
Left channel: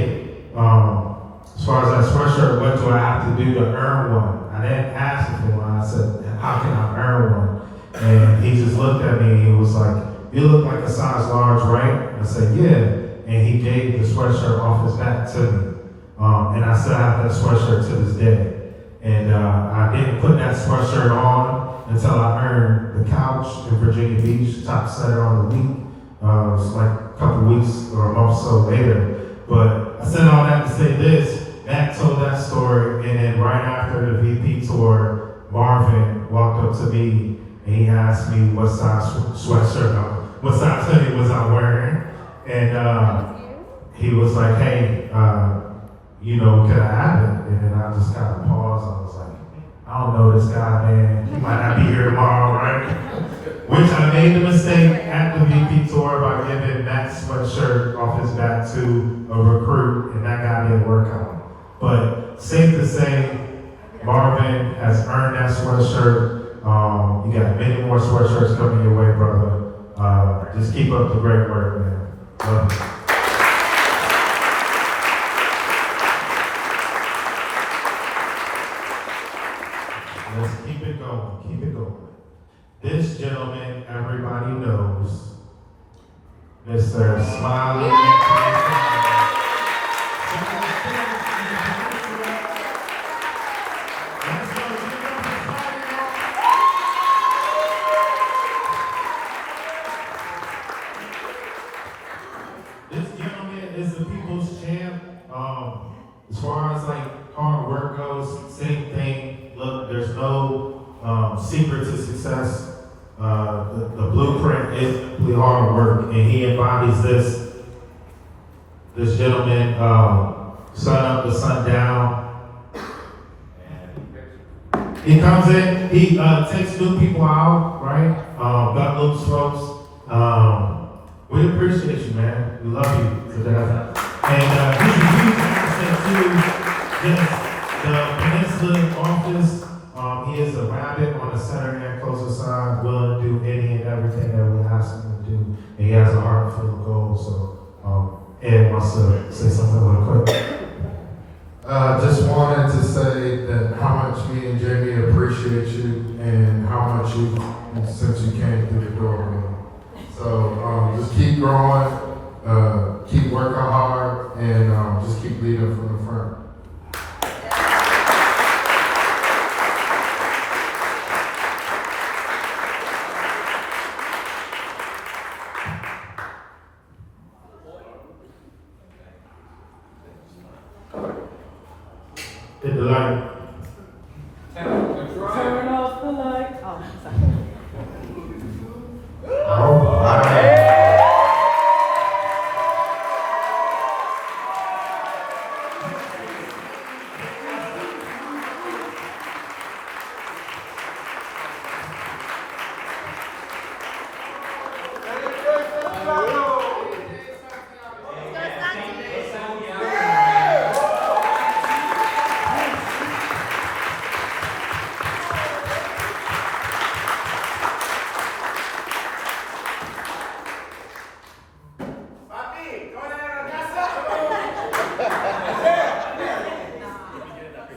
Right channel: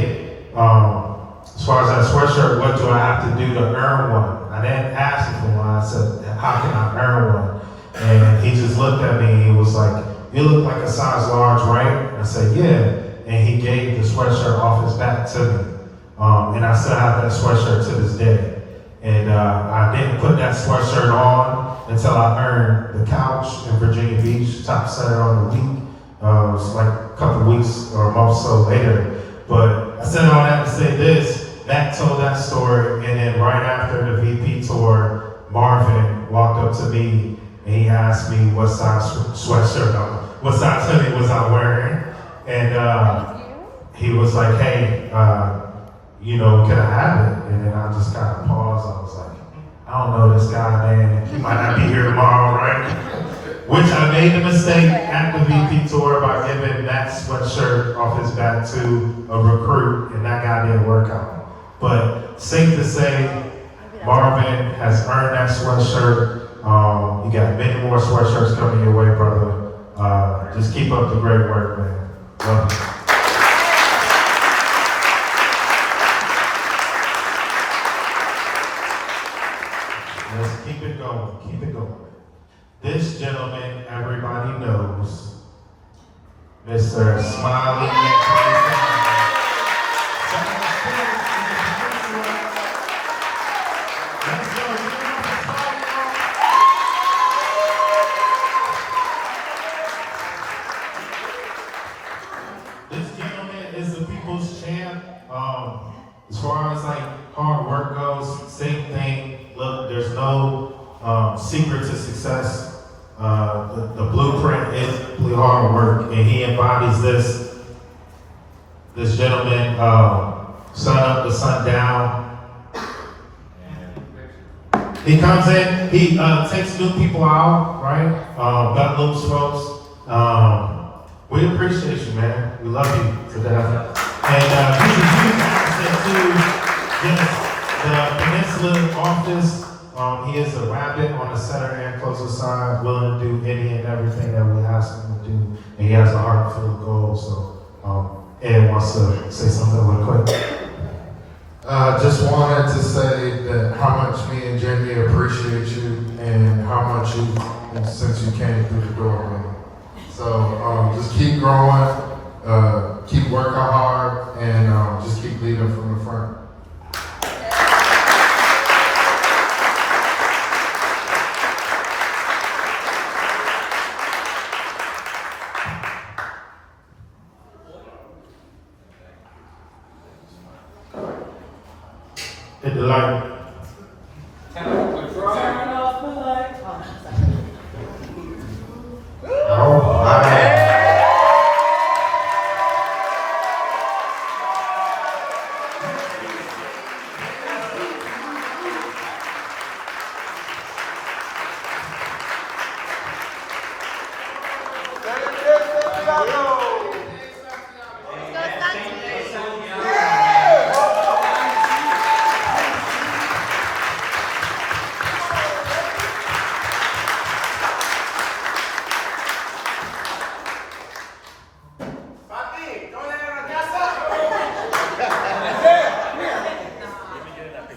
as far as that sweatshirt, what do I have to do to earn one? I didn't ask him for one. I said, how can I earn one? And he just looked at me and he was like, you look like a size large, right? I said, yeah. And he gave the sweatshirt off his back to me. And I still have that sweatshirt to this day. And I didn't put that sweatshirt on until I earned the couch in Virginia Beach, top setter on the week. It was like a couple weeks or a month or so later. But I said all that to say this. Matt told that story, and then right after the VP tour, Marvin walked up to me and he asked me what size sweatshirt what size hoodie was I wearing, and he was like, hey, can I have it? And then I just kind of paused. I was like, I don't know this guy, man. He might not be here tomorrow, right? Which I made the mistake at the VP tour by giving that sweatshirt off his back to a recruit, and that guy didn't work out. But safe to say, Marvin has earned that sweatshirt. You got many more sweatshirts coming your way, brother. Just keep up the great work, man. Love you. Let's keep it going, keep it going. This gentleman, everybody knows, Mr. Smiley. This gentleman is the people's champ. As far as like hard work goes, same thing. Look, there's no secret to success. The blueprint is complete hard work, and he embodies this. This gentleman, sun up to sundown. He comes in, he takes new people out, right? Got loose folks. We appreciate you, man. We love you to death. And he's a huge asset to the Peninsula office. He is a rabbit on the center and closer side, willing to do any and everything that we ask him to do. And he has a heart full of gold. So, Ed wants to say something real quick. Just wanted to say that how much me and Jamie appreciate you and how much you, since you came through the door, man. So just keep growing, keep working hard, and just keep leading from the front. Hit the light. Turn off the light. All right.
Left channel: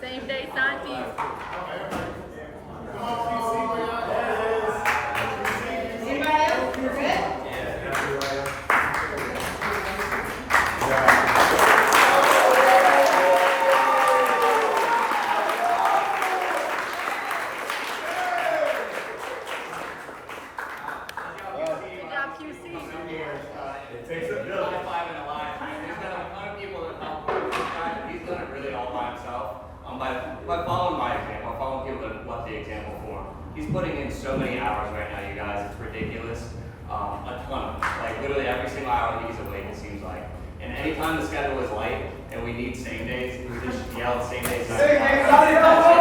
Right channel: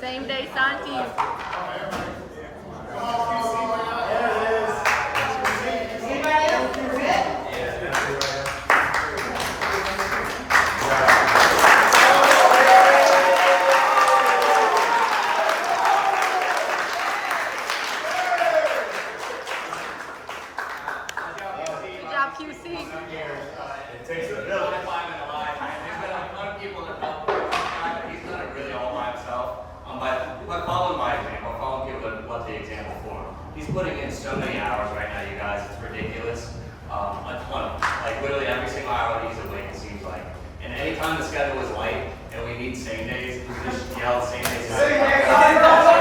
Same day, Santi. Good job, QC. It takes a village to find in a lifetime. There's been a ton of people that helped this guy, but he's done it really all by himself. By following my example, following people that left the example for him. He's putting in so many hours right now, you guys. It's ridiculous. A ton. Like literally every single hour that he's awake, it seems like. And anytime the schedule is light and we need same days, we just yell at same days. Same days.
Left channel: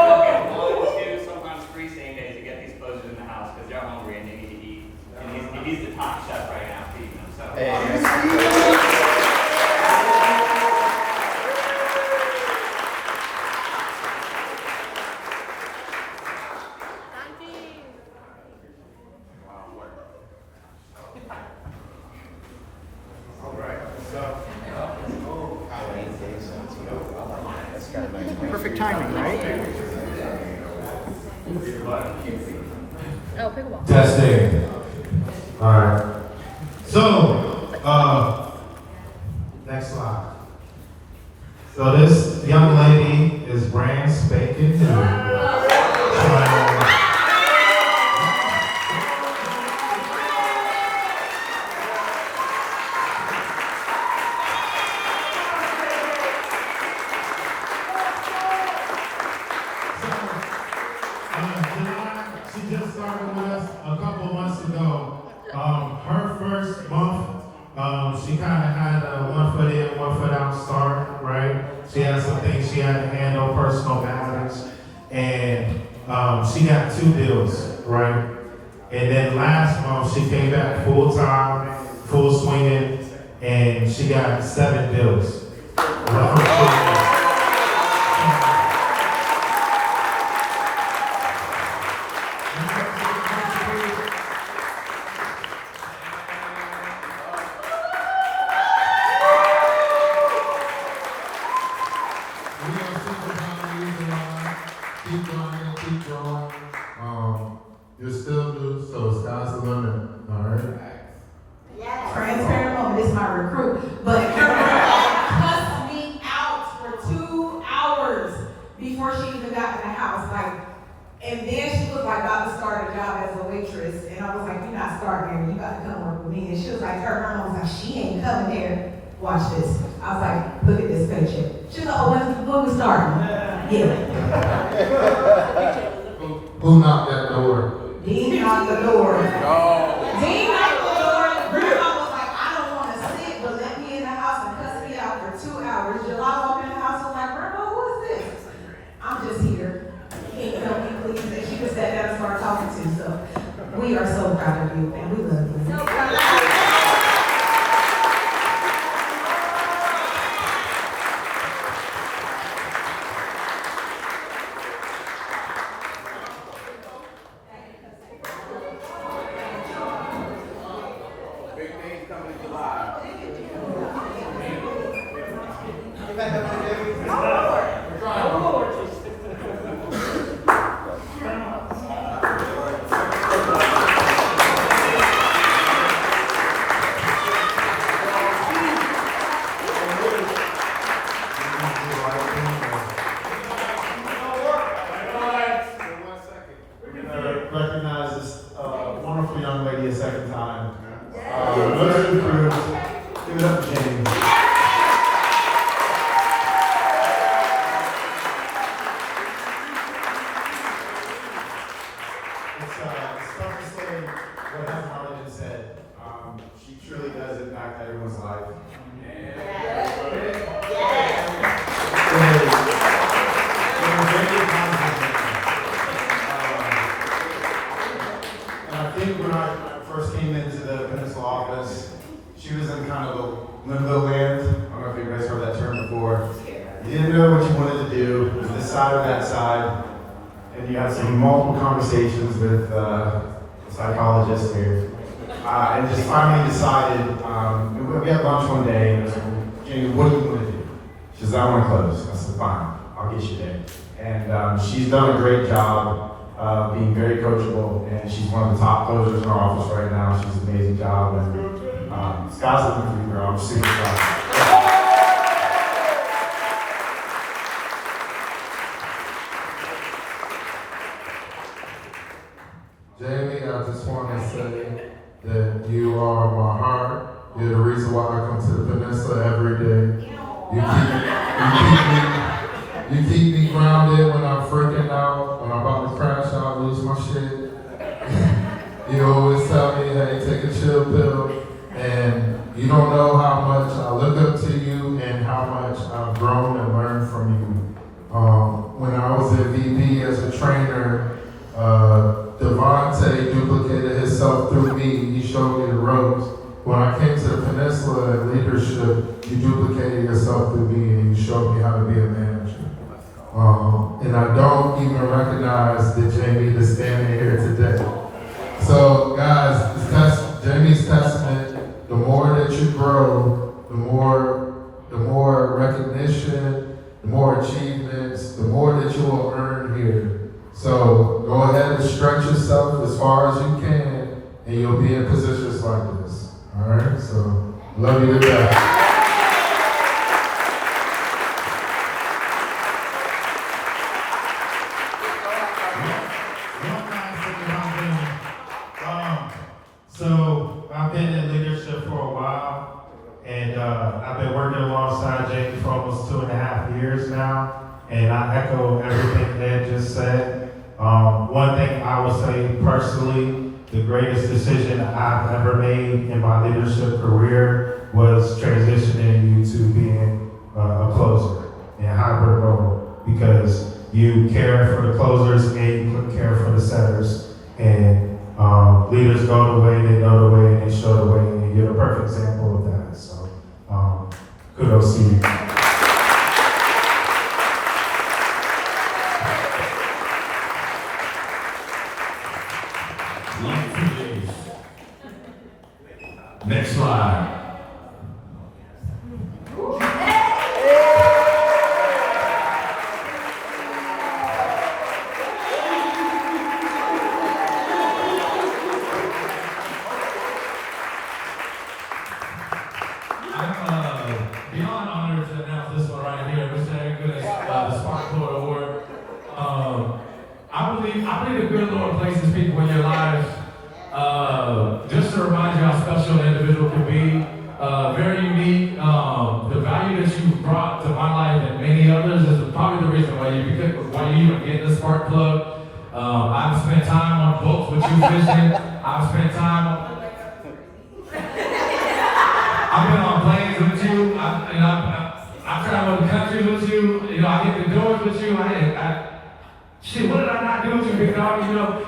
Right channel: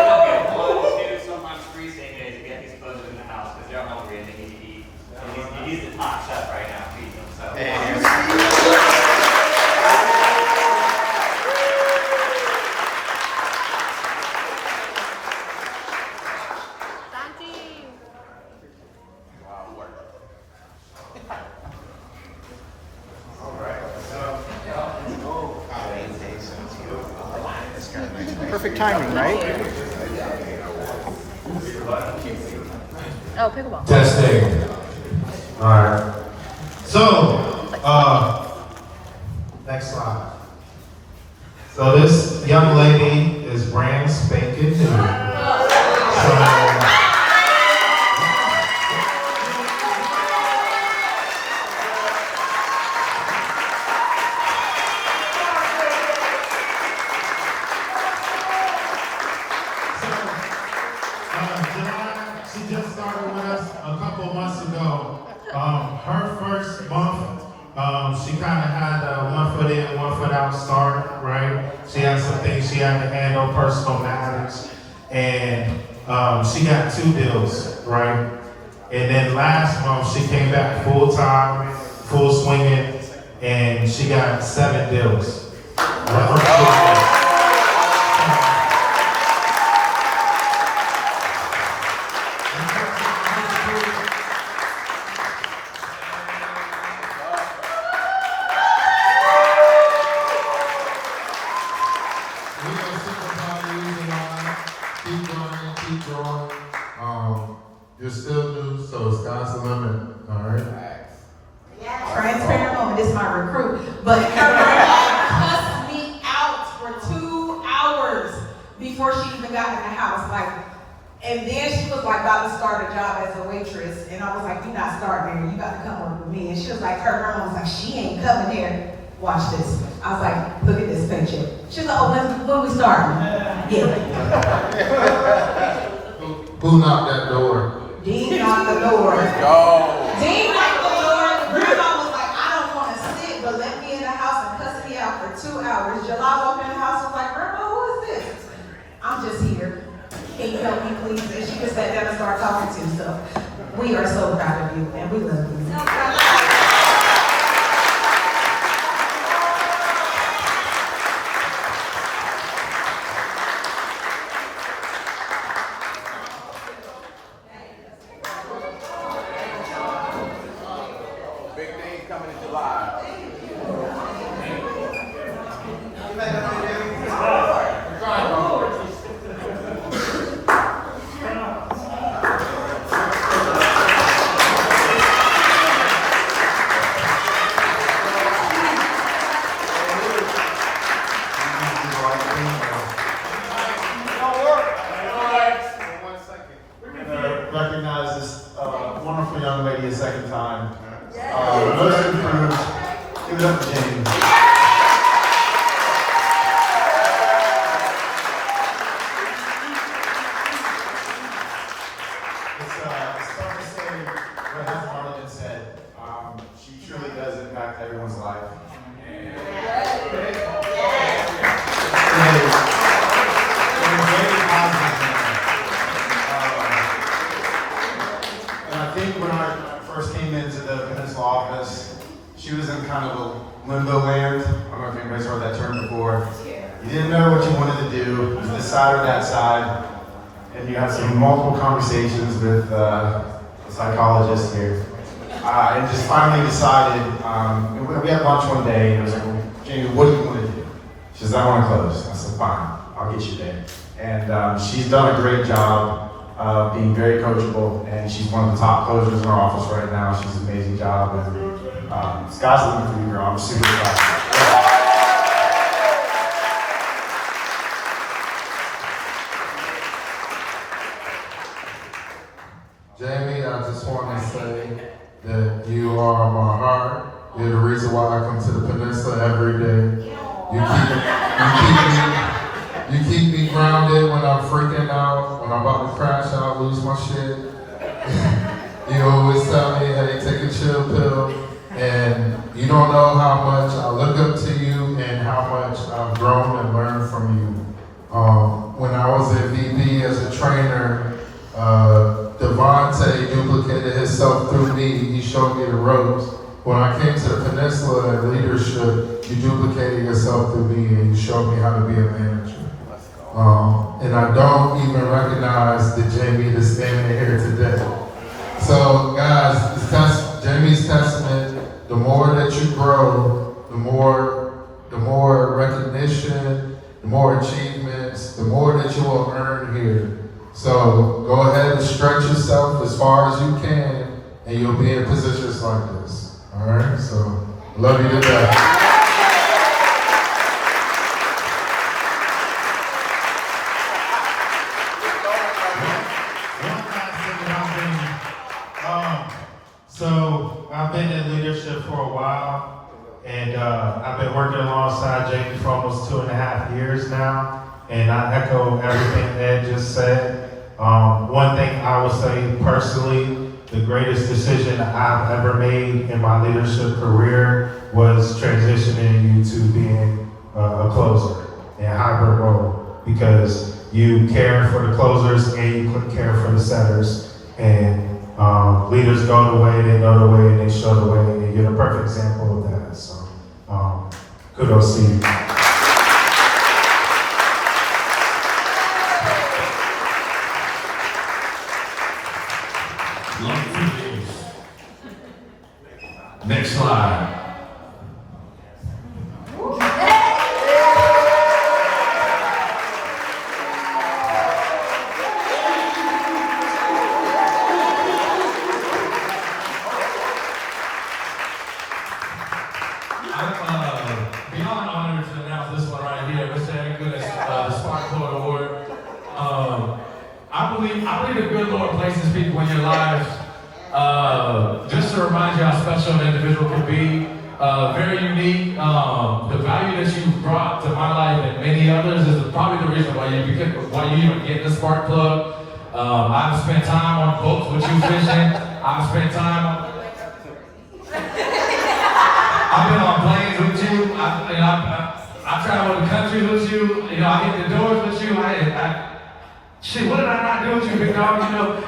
They'll get 1, 2, sometimes 3 same days to get these closers in the house because they're hungry and they need to eat. And he's the top chef right now feeding them. So. Santi. Perfect timing, right? Oh, pickleball. Testing. All right. So, next slide. So this young lady is brand spanking new. So, she just started with us a couple months ago. Her first month, she kind of had a 1 foot in, 1 foot out start, right? She had some things she had to handle, personal matters, and she got 2 deals, right? And then last month she came back full time, full swinging, and she got 7 deals. Keep growing. You're still new, so sky's the limit, all right? Transparent moment, this is my recruit, but cussed me out for 2 hours before she even got in the house, like, and then she was like about to start a job as a waitress, and I was like, you're not starting here, you gotta come work with me, and she was like, her mom was like, she ain't coming here, watch this. I was like, look at this paycheck. She's like, oh, when we starting? Yeah. Who knocked that door? Dean knocked the door. Dean knocked the door. Grandma was like, I don't want to sit, but let me in the house and cuss me out for 2 hours. July walked in the house and was like, Grandma, who is this? I'm just here. Can you help me, please? And she just sat down and started talking to. So we are so proud of you, and we love you. So proud of you. Recognize this wonderful young lady a second time. Those are the crews. Give it up to Jamie. It's tough to say what has Harlan said. She truly does impact everyone's life. When I first came into the Peninsula office, she was in kind of a limbo land. I don't know if you guys heard that term before. You didn't know what you wanted to do. It was this side or that side. And you had some multiple conversations with the psychologist there. And just finally decided, we had lunch one day, and I was like, Jamie, what do you want to do? She says, I want to close. I said, fine, I'll get you there. And she's done a great job. Being very coachable, and she's one of the top closers in our office right now. She's an amazing job, and sky's the limit for you, girl. I'm super proud. Jamie, I just want to say that you are my heart. You're the reason why I come to the Peninsula every day. You keep me grounded when I'm freaking out, when I'm about to crash out, lose my shit. You always tell me, hey, take a chill pill. And you don't know how much I look up to you and how much I've grown and learned from you. When I was at VP as a trainer, Devontae duplicated himself through me. He showed me the ropes. When I came to the Peninsula and leadership, you duplicated yourself through me and you showed me how to be a manager. And I don't even recognize the Jamie that's standing here today. So guys, Jamie's testament, the more that you grow, the more recognition, the more achievements, the more that you will earn here. So go ahead and stretch yourself as far as you can, and you'll be in positions like this. All right, so love you to death. So I've been in leadership for a while, and I've been working alongside Jamie for almost 2.5 years now, and I echo everything Ed just said. One thing I will say personally, the greatest decision I've ever made in my leadership career was transitioning you to being a closer in a hybrid role, because you care for the closers and you care for the setters. And leaders go the way, they go the way, and they show the way, and you're the perfect example of that. So kudos to you. Love to you. Next slide. Beyond honored to announce this one right here, Mr. Eric Good's the Spark Court Award. I believe the good Lord places people in your lives just to remind you how special an individual can be. Very unique. The value that you brought to my life and many others is probably the reason why you even get this Spark Plug. I've spent time on boats with you fishing. I've spent time on I've been on planes with you. I traveled the country with you. I hit the doors with you. Shit, what did I not do with you, big dog?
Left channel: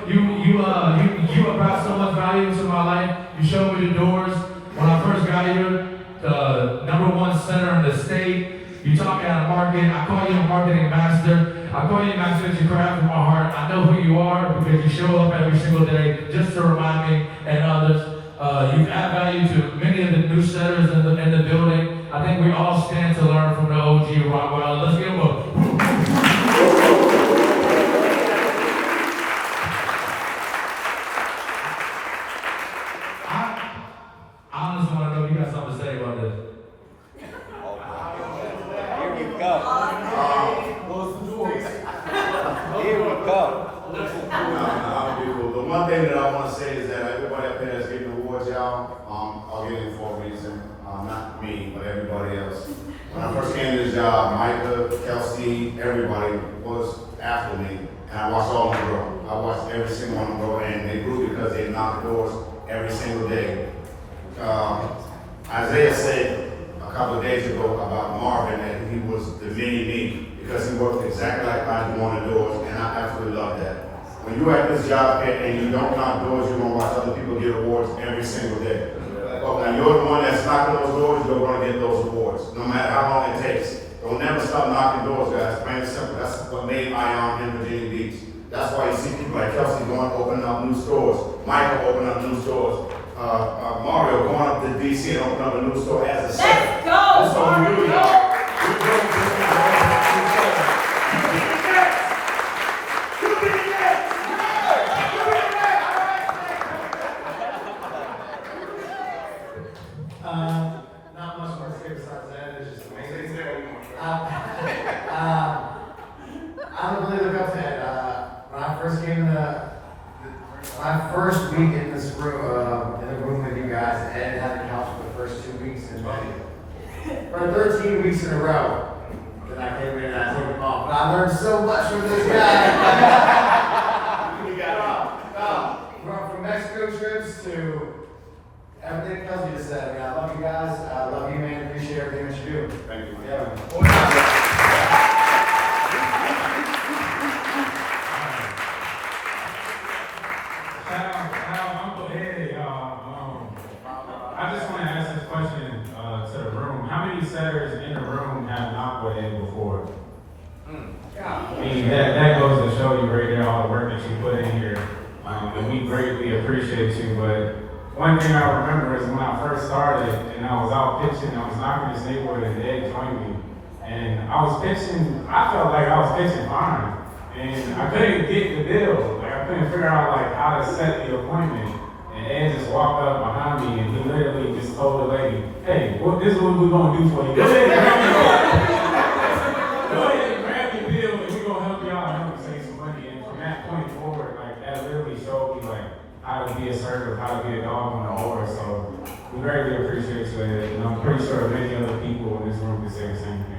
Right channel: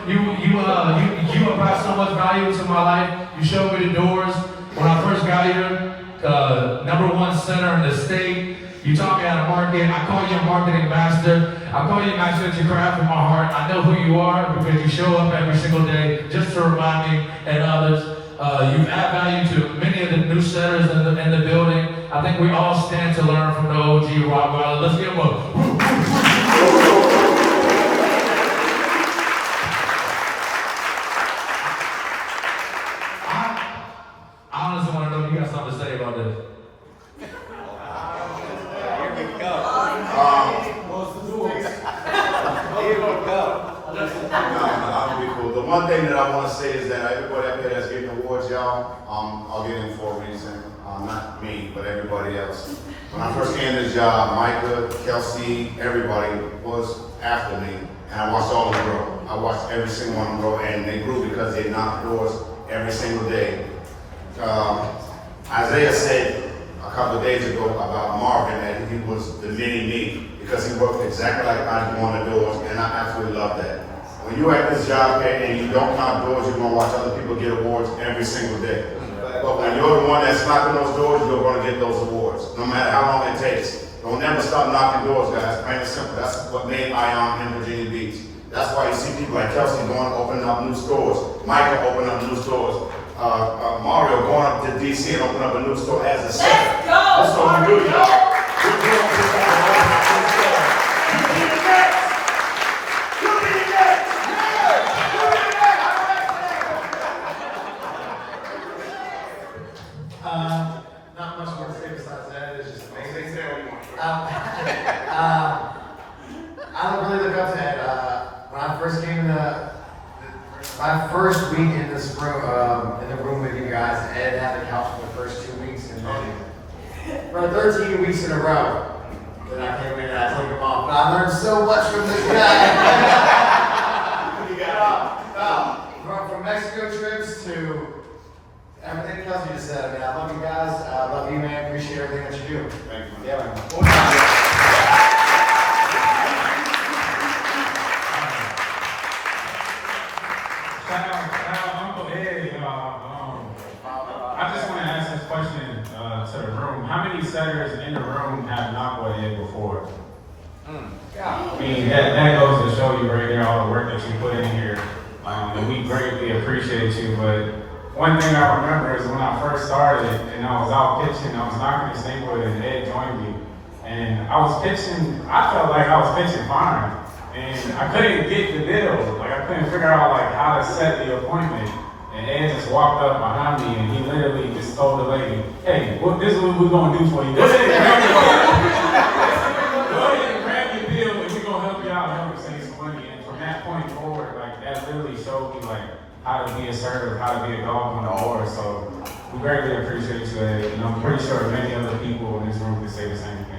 You have brought so much value to my life. You showed me the doors when I first got here. #1 center in the state. You taught me how to market. I call you a marketing master. I call you a master that you craft from my heart. I know who you are because you show up every single day just to remind me and others. You add value to many of the new setters in the building. I think we all stand to learn from the OG Rottweiler. Let's give him a I honestly want to know if you got something to say about this. The one thing that I want to say is that everybody up there that's getting awards, y'all, I'll get in for a reason. Not me, but everybody else. When I first came to this job, Micah, Kelsey, everybody was after me. And I watched all of them grow. I watched every single one of them grow, and they grew because they knocked doors every single day. Isaiah said a couple of days ago about Marvin that he was the mini-me because he worked exactly like I wanted doors, and I absolutely love that. When you're at this job and you don't knock doors, you're going to watch other people get awards every single day. But when you're the one that's knocking those doors, you're going to get those awards, no matter how long it takes. Don't never stop knocking doors, guys. Plain and simple. That's what made Ion in Virginia Beach. That's why you see people like Kelsey going opening up new stores, Micah opening up new stores, Mario going up to DC and opening up a new store as a second. Let's go! That's all we do, y'all. Not much more to say besides that. It's just amazing. I don't really look up to that. When I first came to my first week in this room, in the room with you guys, Ed had the couch for the first 2 weeks, and then for 13 weeks in a row, then I came in and I took him off. But I learned so much from this guy. From Mexico trips to everything Kelsey just said. I mean, I love you guys. I love you, man. Appreciate everything that you do. Thank you. Yeah, man. I just want to ask this question to the room. How many setters in the room have not weighed before? I mean, that goes to show you right there all the work that you put in here. And we greatly appreciate you. But one thing I remember is when I first started and I was out pitching, I was knocking the neighborhood and Ed joined me. And I was pitching, I felt like I was pitching fine. And I couldn't get the deal. Like I couldn't figure out like how to set the appointment. And Ed just walked up behind me and he literally just told the lady, hey, this is what we're gonna do for you. Go ahead and grab your bill and we're gonna help you out and help you save some money. And from that point forward, like that literally showed me like how to be assertive, how to be a dog on the board. So we greatly appreciate you. And I'm pretty sure many other people in this room can say the same thing.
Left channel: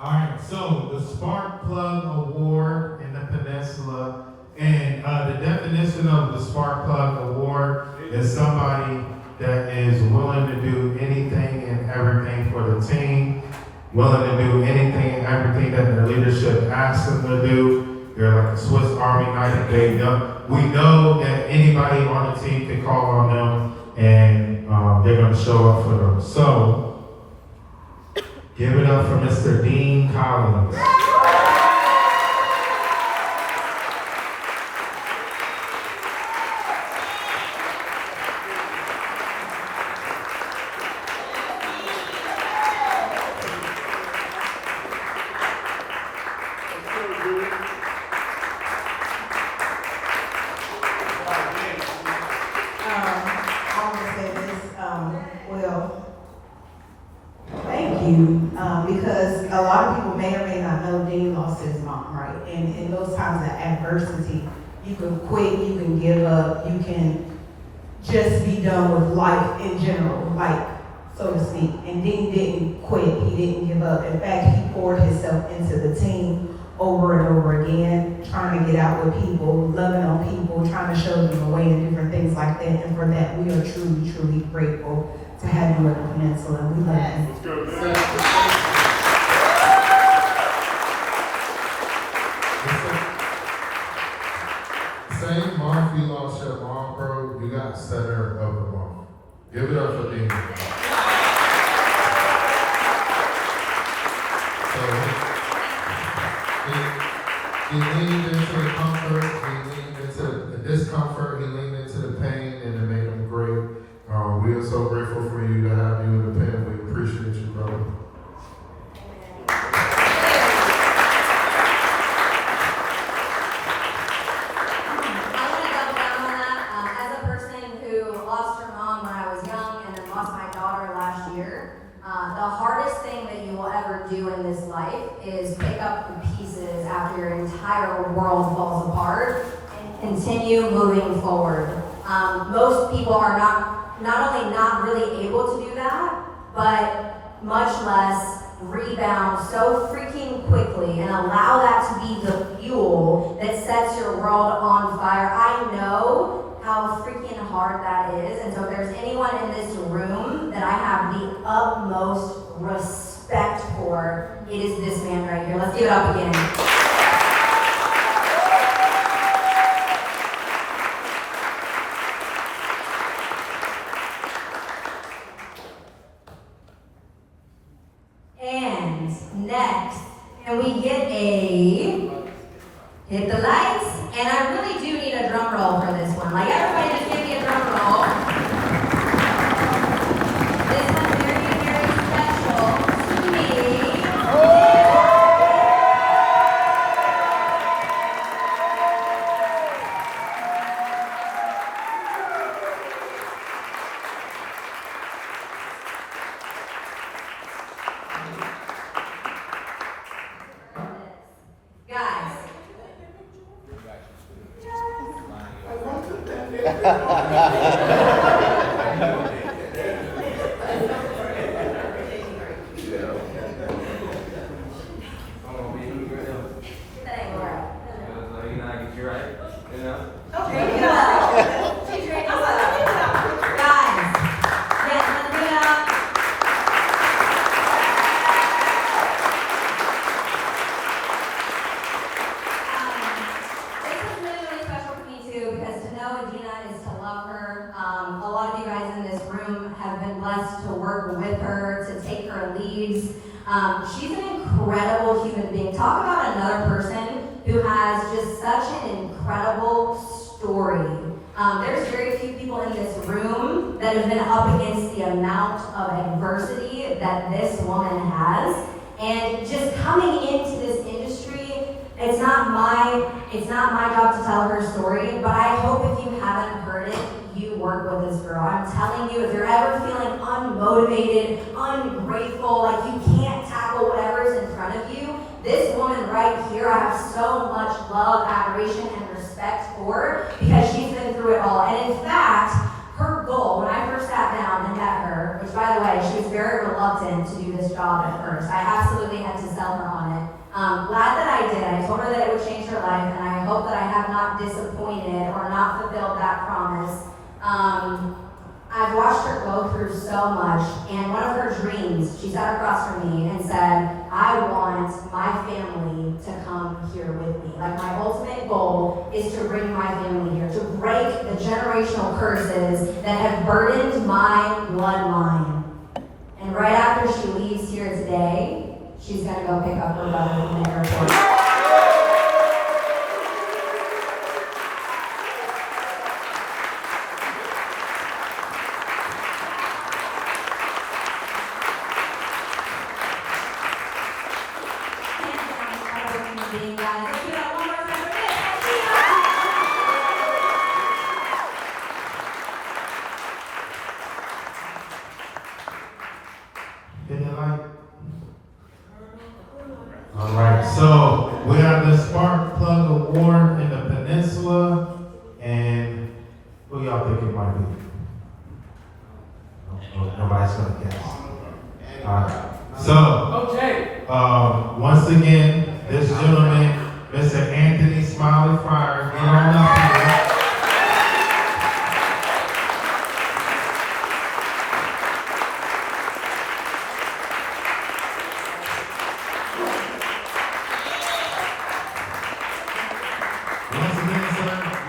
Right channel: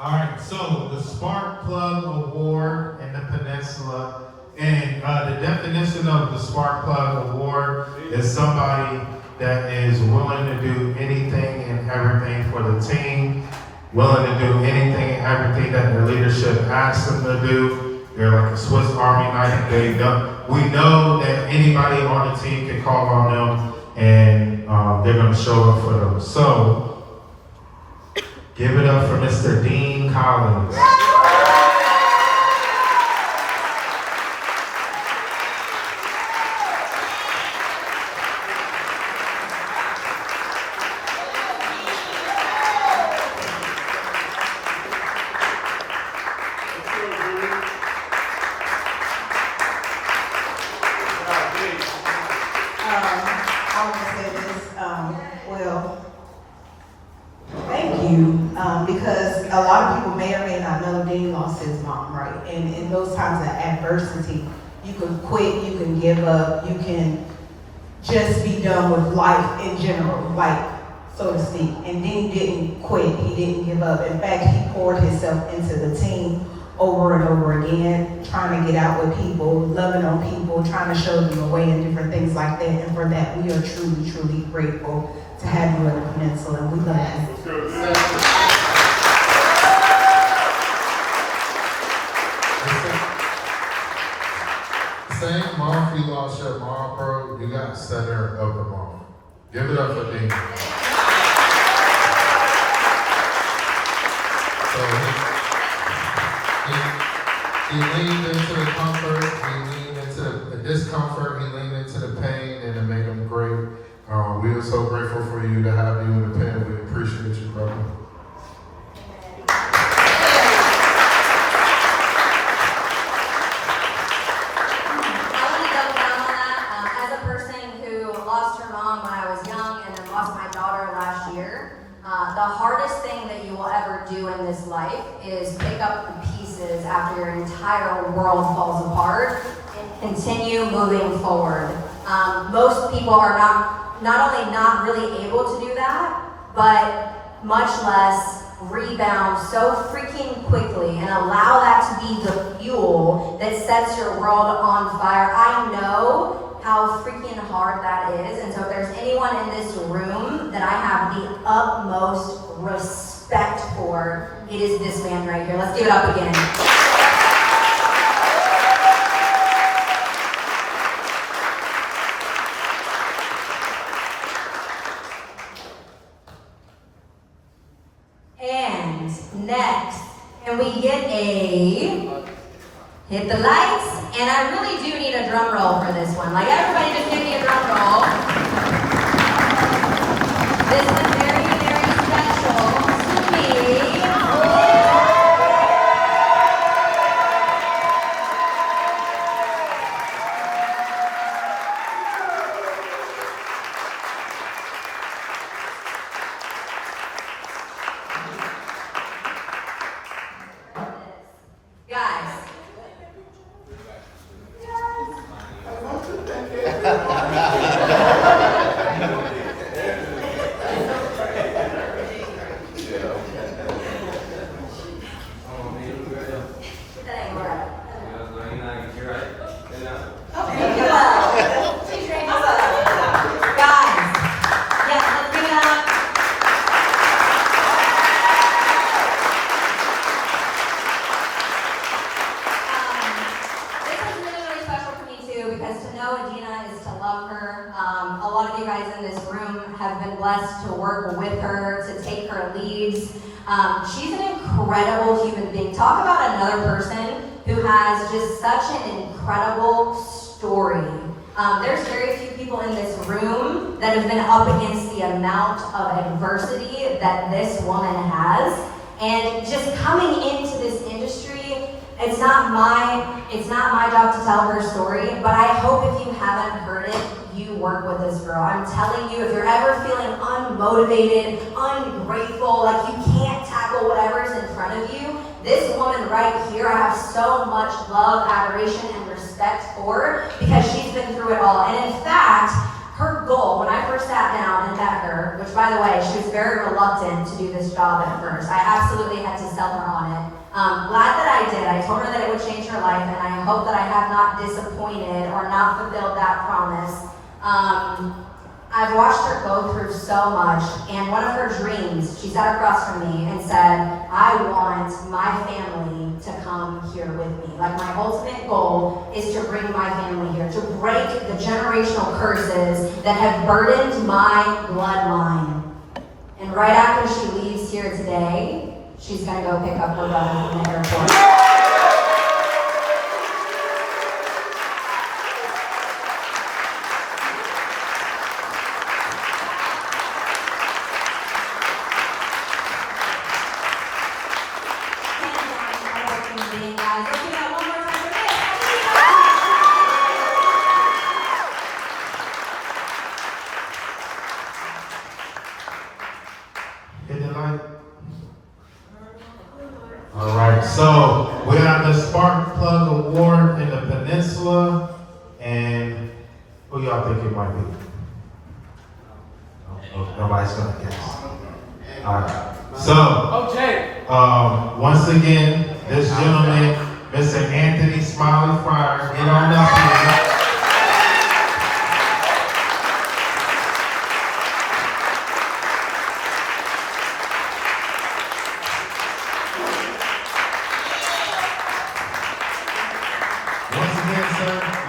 All right, so the Spark Plug Award in the Peninsula, and the definition of the Spark Plug Award is somebody that is willing to do anything and everything for the team, willing to do anything and everything that the leadership asks them to do. They're like a Swiss Army knife. We know that anybody on the team can call on them, and they're going to show up for them. So, give it up for Mr. Dean Collins. I want to say this, well, thank you, because a lot of people may or may not know Dean lost his mom, right? And in those times of adversity, you can quit, you can give up, you can just be done with life in general, like, so to speak. And Dean didn't quit, he didn't give up. In fact, he poured himself into the team over and over again, trying to get out with people, loving on people, trying to show them the way and different things like that. And for that, we are truly, truly grateful to have you at the Peninsula. We love you. Same month you lost your mom, bro, you got center of the month. Give it up for Dean. So he leaned into the comfort, he leaned into the discomfort, he leaned into the pain, and it made him great. We are so grateful for you to have you in the pen. We appreciate you, brother. The hardest thing that you will ever do in this life is pick up the pieces after your entire world falls apart and continue moving forward. Most people are not only not really able to do that, but much less rebound so freaking quickly and allow that to be the fuel that sets your world on fire. I know how freaking hard that is, and so if there's anyone in this room that I have the utmost respect for, it is this man right here. Let's give it up again. And next, can we get a hit the lights? And I really do need a drum roll for this one. Like, everybody just give me a drum roll. This one's very, very special to me. Guys. To work with her, to take her leads. She's an incredible human being. Talk about another person who has just such an incredible story. There's very few people in this room that have been up against the amount of adversity that this woman has. And just coming into this industry, it's not my job to tell her story, but I hope if you haven't heard it, you work with this girl. I'm telling you, if you're ever feeling unmotivated, ungrateful, like you can't tackle whatever's in front of you, this woman right here, I have so much love, admiration, and respect for because she's been through it all. And in fact, her goal, when I first sat down and met her, which by the way, she was very reluctant to do this job at first. I absolutely had to sell her on it. Glad that I did. I told her that it would change her life, and I hope that I have not disappointed or not fulfilled that promise. I've watched her go through so much, and one of her dreams, she sat across from me and said, I want my family to come here with me. Like, my ultimate goal is to bring my family here, to break the generational curses that have burdened my bloodline. And right after she leaves here today, she's gonna go pick up her brother from the airport. Hit the light. All right, so we have the Spark Plug Award in the Peninsula, and who y'all think it might be? Nobody's gonna guess. All right, so once again, this gentleman, Mr. Anthony Smiley Fryer, get on up here.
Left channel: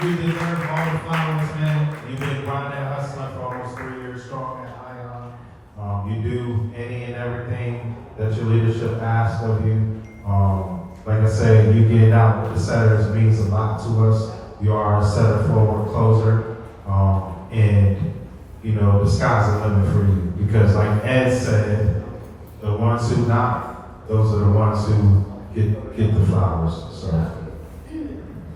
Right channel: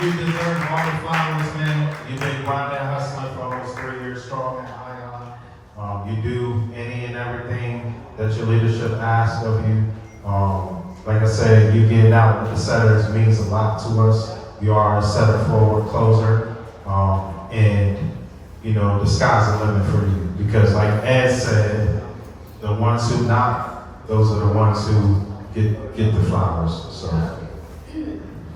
You deserve all the flowers, man. You've been grinding and hustling for almost 3 years strong at Ion. You do any and everything that your leadership asks of you. Like I said, you getting out with the setters means a lot to us. You are a setter forward closer. And, you know, the sky's the limit for you. Because like Ed said, the ones who knock, those are the ones who get the flowers. So.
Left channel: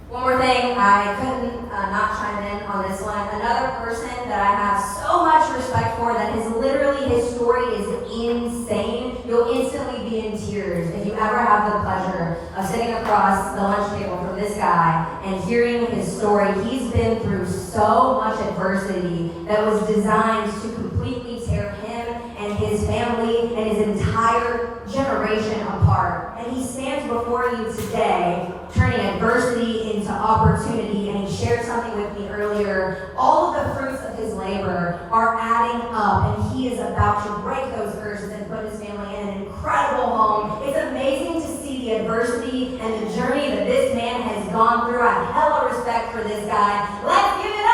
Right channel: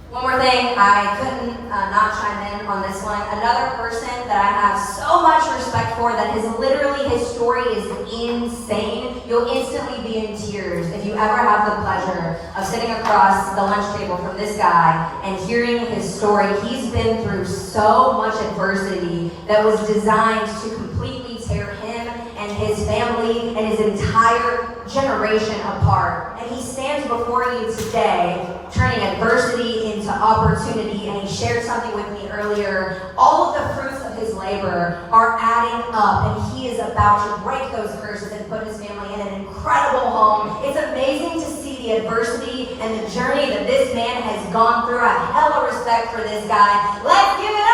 One more thing, I couldn't not chime in on this one. Another person that I have so much respect for, that is literally, his story is insane. You'll instantly be in tears if you ever have the pleasure of sitting across the lunch table from this guy and hearing his story. He's been through so much adversity that was designed to completely tear him and his family and his entire generation apart. And he stands before you today, turning adversity into opportunity. And he shared something with me earlier. All of the fruits of his labor are adding up, and he is about to break those curses and put his family in an incredible home. It's amazing to see the adversity and the journey that this man has gone through. I have hella respect for this guy. Let's give it up!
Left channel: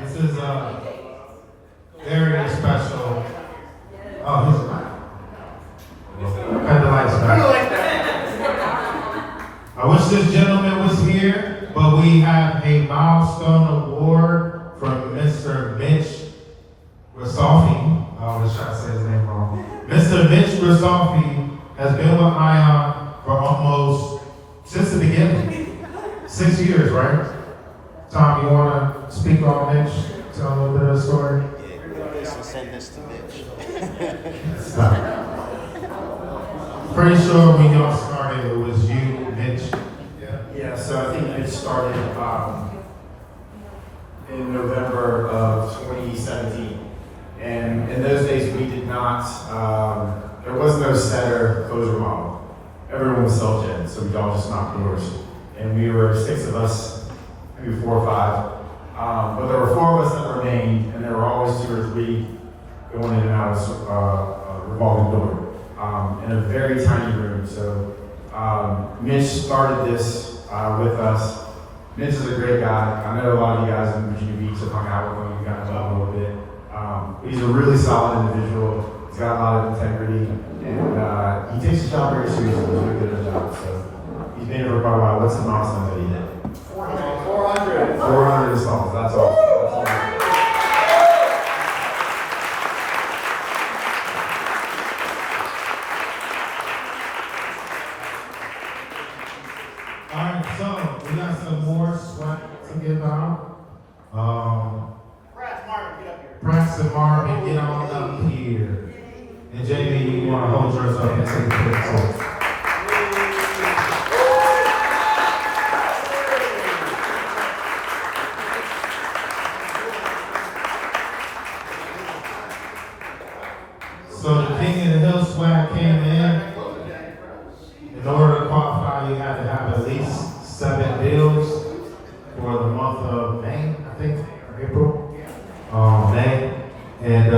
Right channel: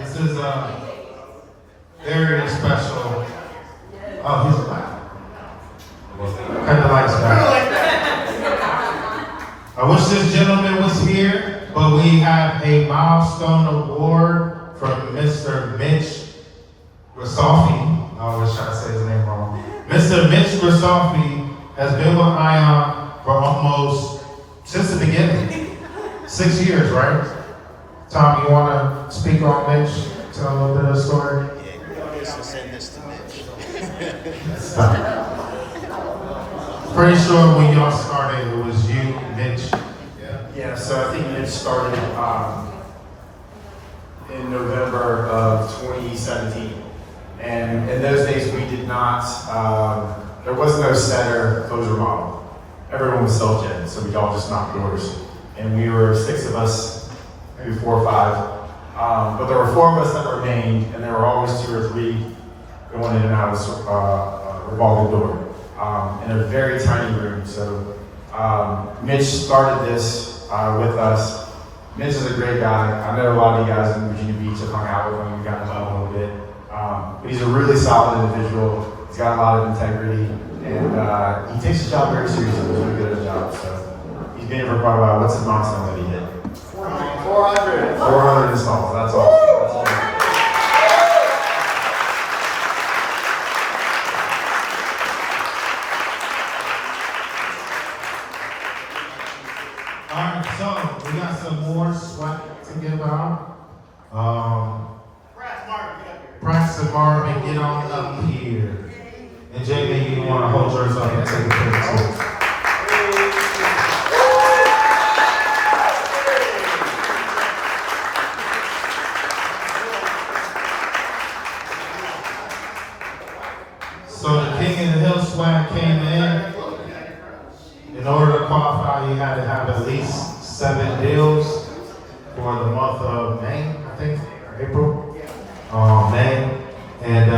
This is very special. Oh, he's not. Kind of like I wish this gentleman was here, but we have a milestone award from Mr. Mitch Rasofi. I always try to say his name wrong. Mr. Mitch Rasofi has been with Ion for almost since the beginning. 6 years, right? Tom, you want to speak on Mitch? Tell a little bit of the story? Yeah, I used to send this to Mitch. Pretty sure when y'all started, it was you, Mitch. Yeah, so I think Mitch started in November of 2017. And in those days, we did not, there was no setter closure model. Everyone was self-gen, so we all just knocked doors. And we were 6 of us, maybe 4 or 5. But there were 4 of us that remained, and there were always 2 or 3 going in and out of a revolving door. In a very tiny room. So Mitch started this with us. Mitch is a great guy. I met a lot of you guys in Virginia Beach. I've hung out with him. We got to know him a little bit. But he's a really solid individual. He's got a lot of integrity, and he takes his job very seriously. He's really good at his job. So he's been here for quite a while. What's the milestone that he hit? 400. 400 installs. That's awesome. That's awesome. Alright, so we got some more swag to give out. Prax and Marvin, get on up here. And Jamie, you want to hold yours up and take a picture too. So the King of the Hill swag came in. In order to qualify, you had to have at least 7 deals for the month of May, I think, April, May. And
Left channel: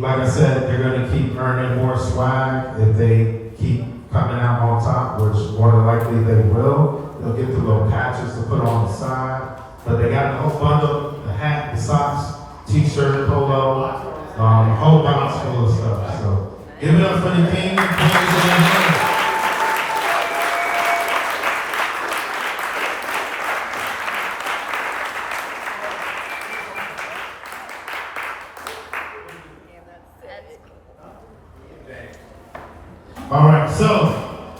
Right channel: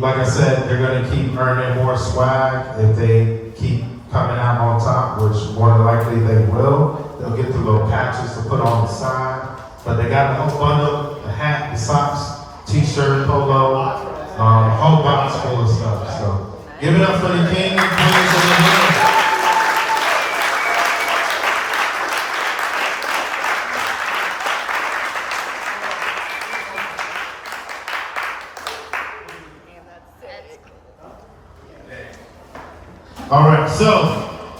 like I said, they're going to keep earning more swag if they keep coming out on top, which more than likely they will. They'll get the little patches to put on the side. But they got a whole bundle, the hat, the socks, t-shirt, polo, a whole box full of stuff. So give it up for the King. All right, so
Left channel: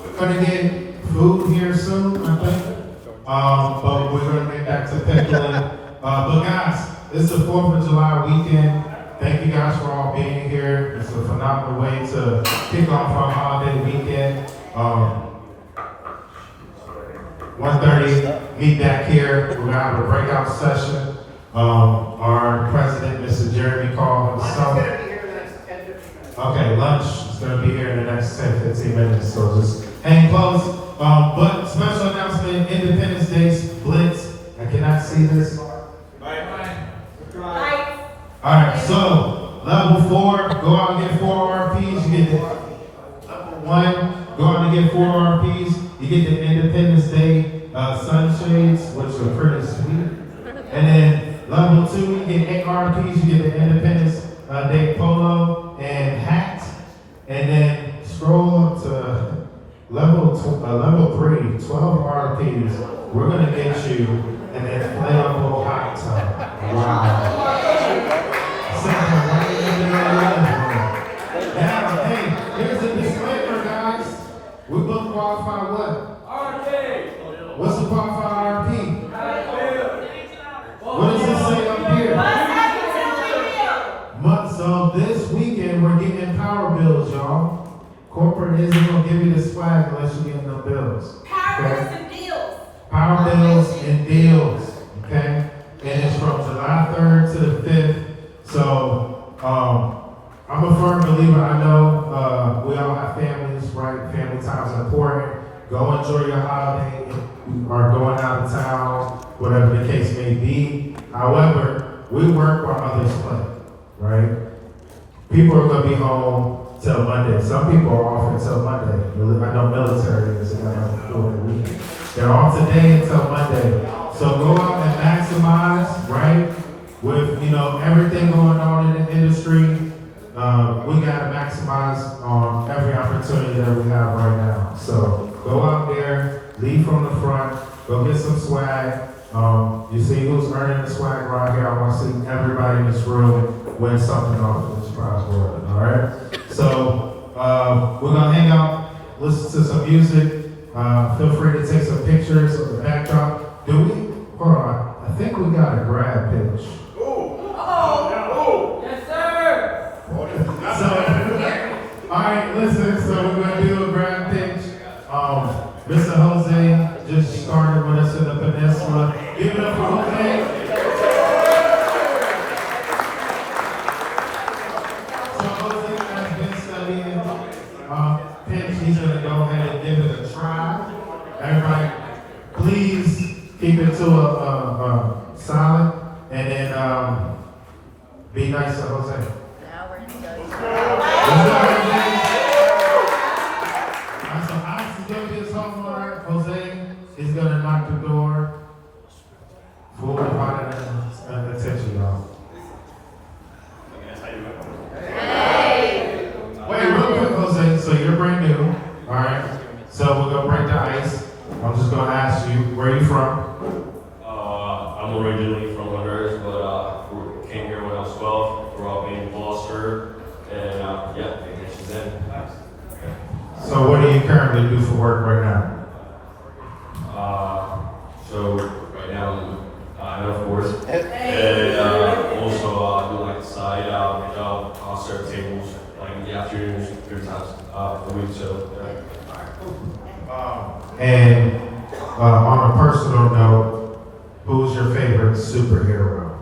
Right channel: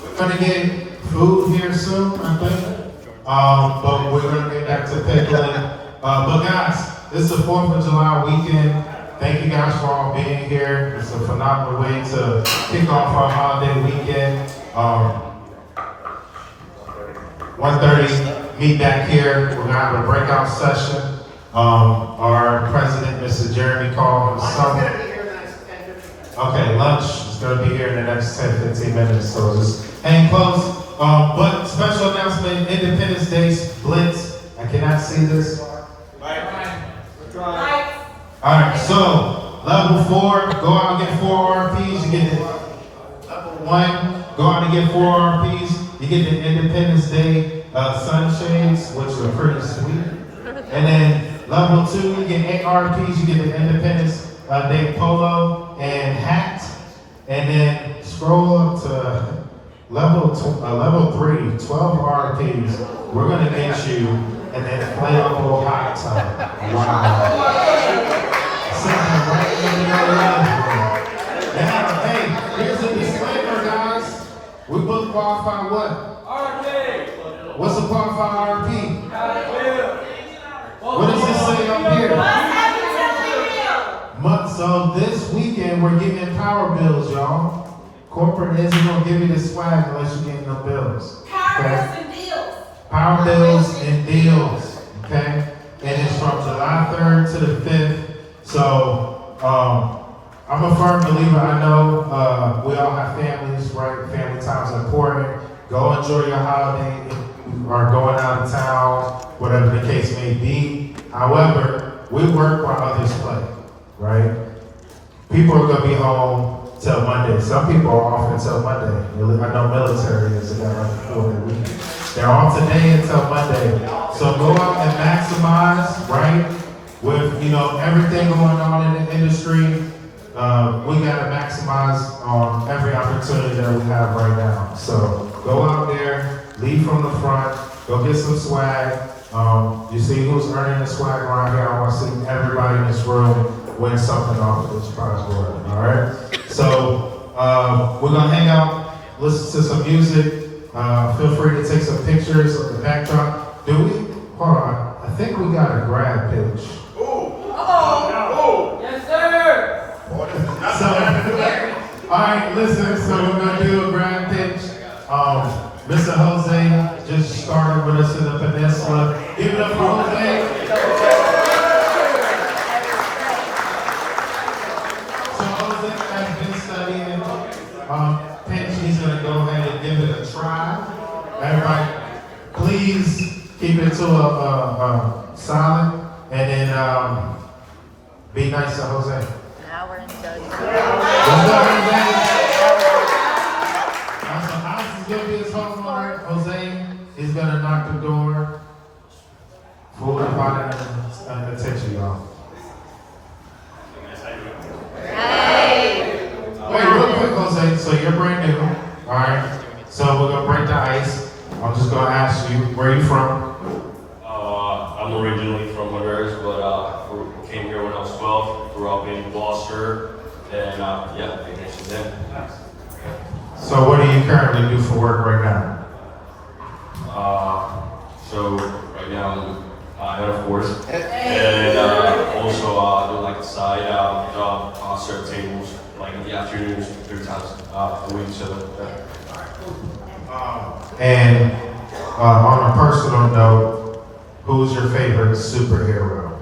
we're gonna get food here soon, I think. But we're gonna get back to pickling. But guys, this is the 4th of July weekend. Thank you guys for all being here. It's a phenomenal way to kick off our holiday weekend. 1:30, meet back here. We're gonna have a breakout session. Our president, Mr. Jeremy Call, okay, lunch is going to be here in the next 10, 15 minutes, so just hang close. But special announcement, Independence Day Blitz. I cannot see this. Alright, so level 4, go out and get 4 RPs. You get the level 1, go out and get 4 RPs. You get the Independence Day sunshades, which are pretty sweet. And then level 2, you get 8 RPs. You get the Independence Day polo and hat. And then scroll up to level 3, 12 RPs. We're gonna get you an inflatable hot tub. Wow. Yeah, hey, here's the disclaimer, guys. We both qualify what? RP. What's a qualified RP? What does this say up here? So this weekend we're getting power bills, y'all. Corporate isn't gonna give you the swag unless you're getting the bills. Power bills and deals. Power bills and deals. Okay? And it's from July 3rd to the 5th. So I'm a firm believer. I know we all have families, right? Family time is important. Go enjoy your holiday or going out of town, whatever the case may be. However, we work while others play, right? People are gonna be home till Monday. Some people are off until Monday. I know military is over the weekend. They're off today until Monday. So go out and maximize, right? With everything going on in the industry, we gotta maximize every opportunity that we have right now. So go out there, lead from the front, go get some swag. You see who's earning the swag around here. I want to see everybody in this room win something off of this prize board. All right. So we're gonna hang out, listen to some music. Feel free to take some pictures of the backdrop. Hold on. I think we got a grab pitch. Yes, sir. All right, listen. So we're gonna do a grab pitch. Mr. Jose just started with us in the peninsula. Give it up for Jose. So Jose has been studying pitch. He's gonna go ahead and give it a try. Everybody, please keep it to a silent, and then be nice to Jose. Now we're in study. Jose is gonna knock the door. Full of attention, y'all. Wait, real quick, Jose. So you're brand new, all right? So we're gonna break the ice. I'm just gonna ask you, where are you from? I'm originally from Honduras, but came here when I was 12. Grew up in Gloucester, and been here since then. So what do you currently do for work right now? So right now I'm head of course, and also I do like a side job serve tables like in the afternoons, 3 times a week. So. And on a personal note, who's your favorite superhero?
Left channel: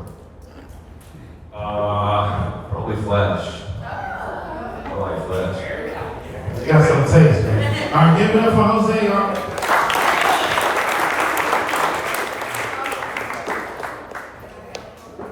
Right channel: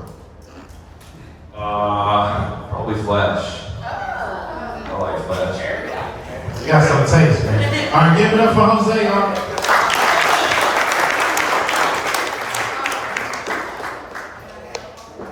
Probably Flash. I like Flash. You got some taste, man. All right, give it up for Jose.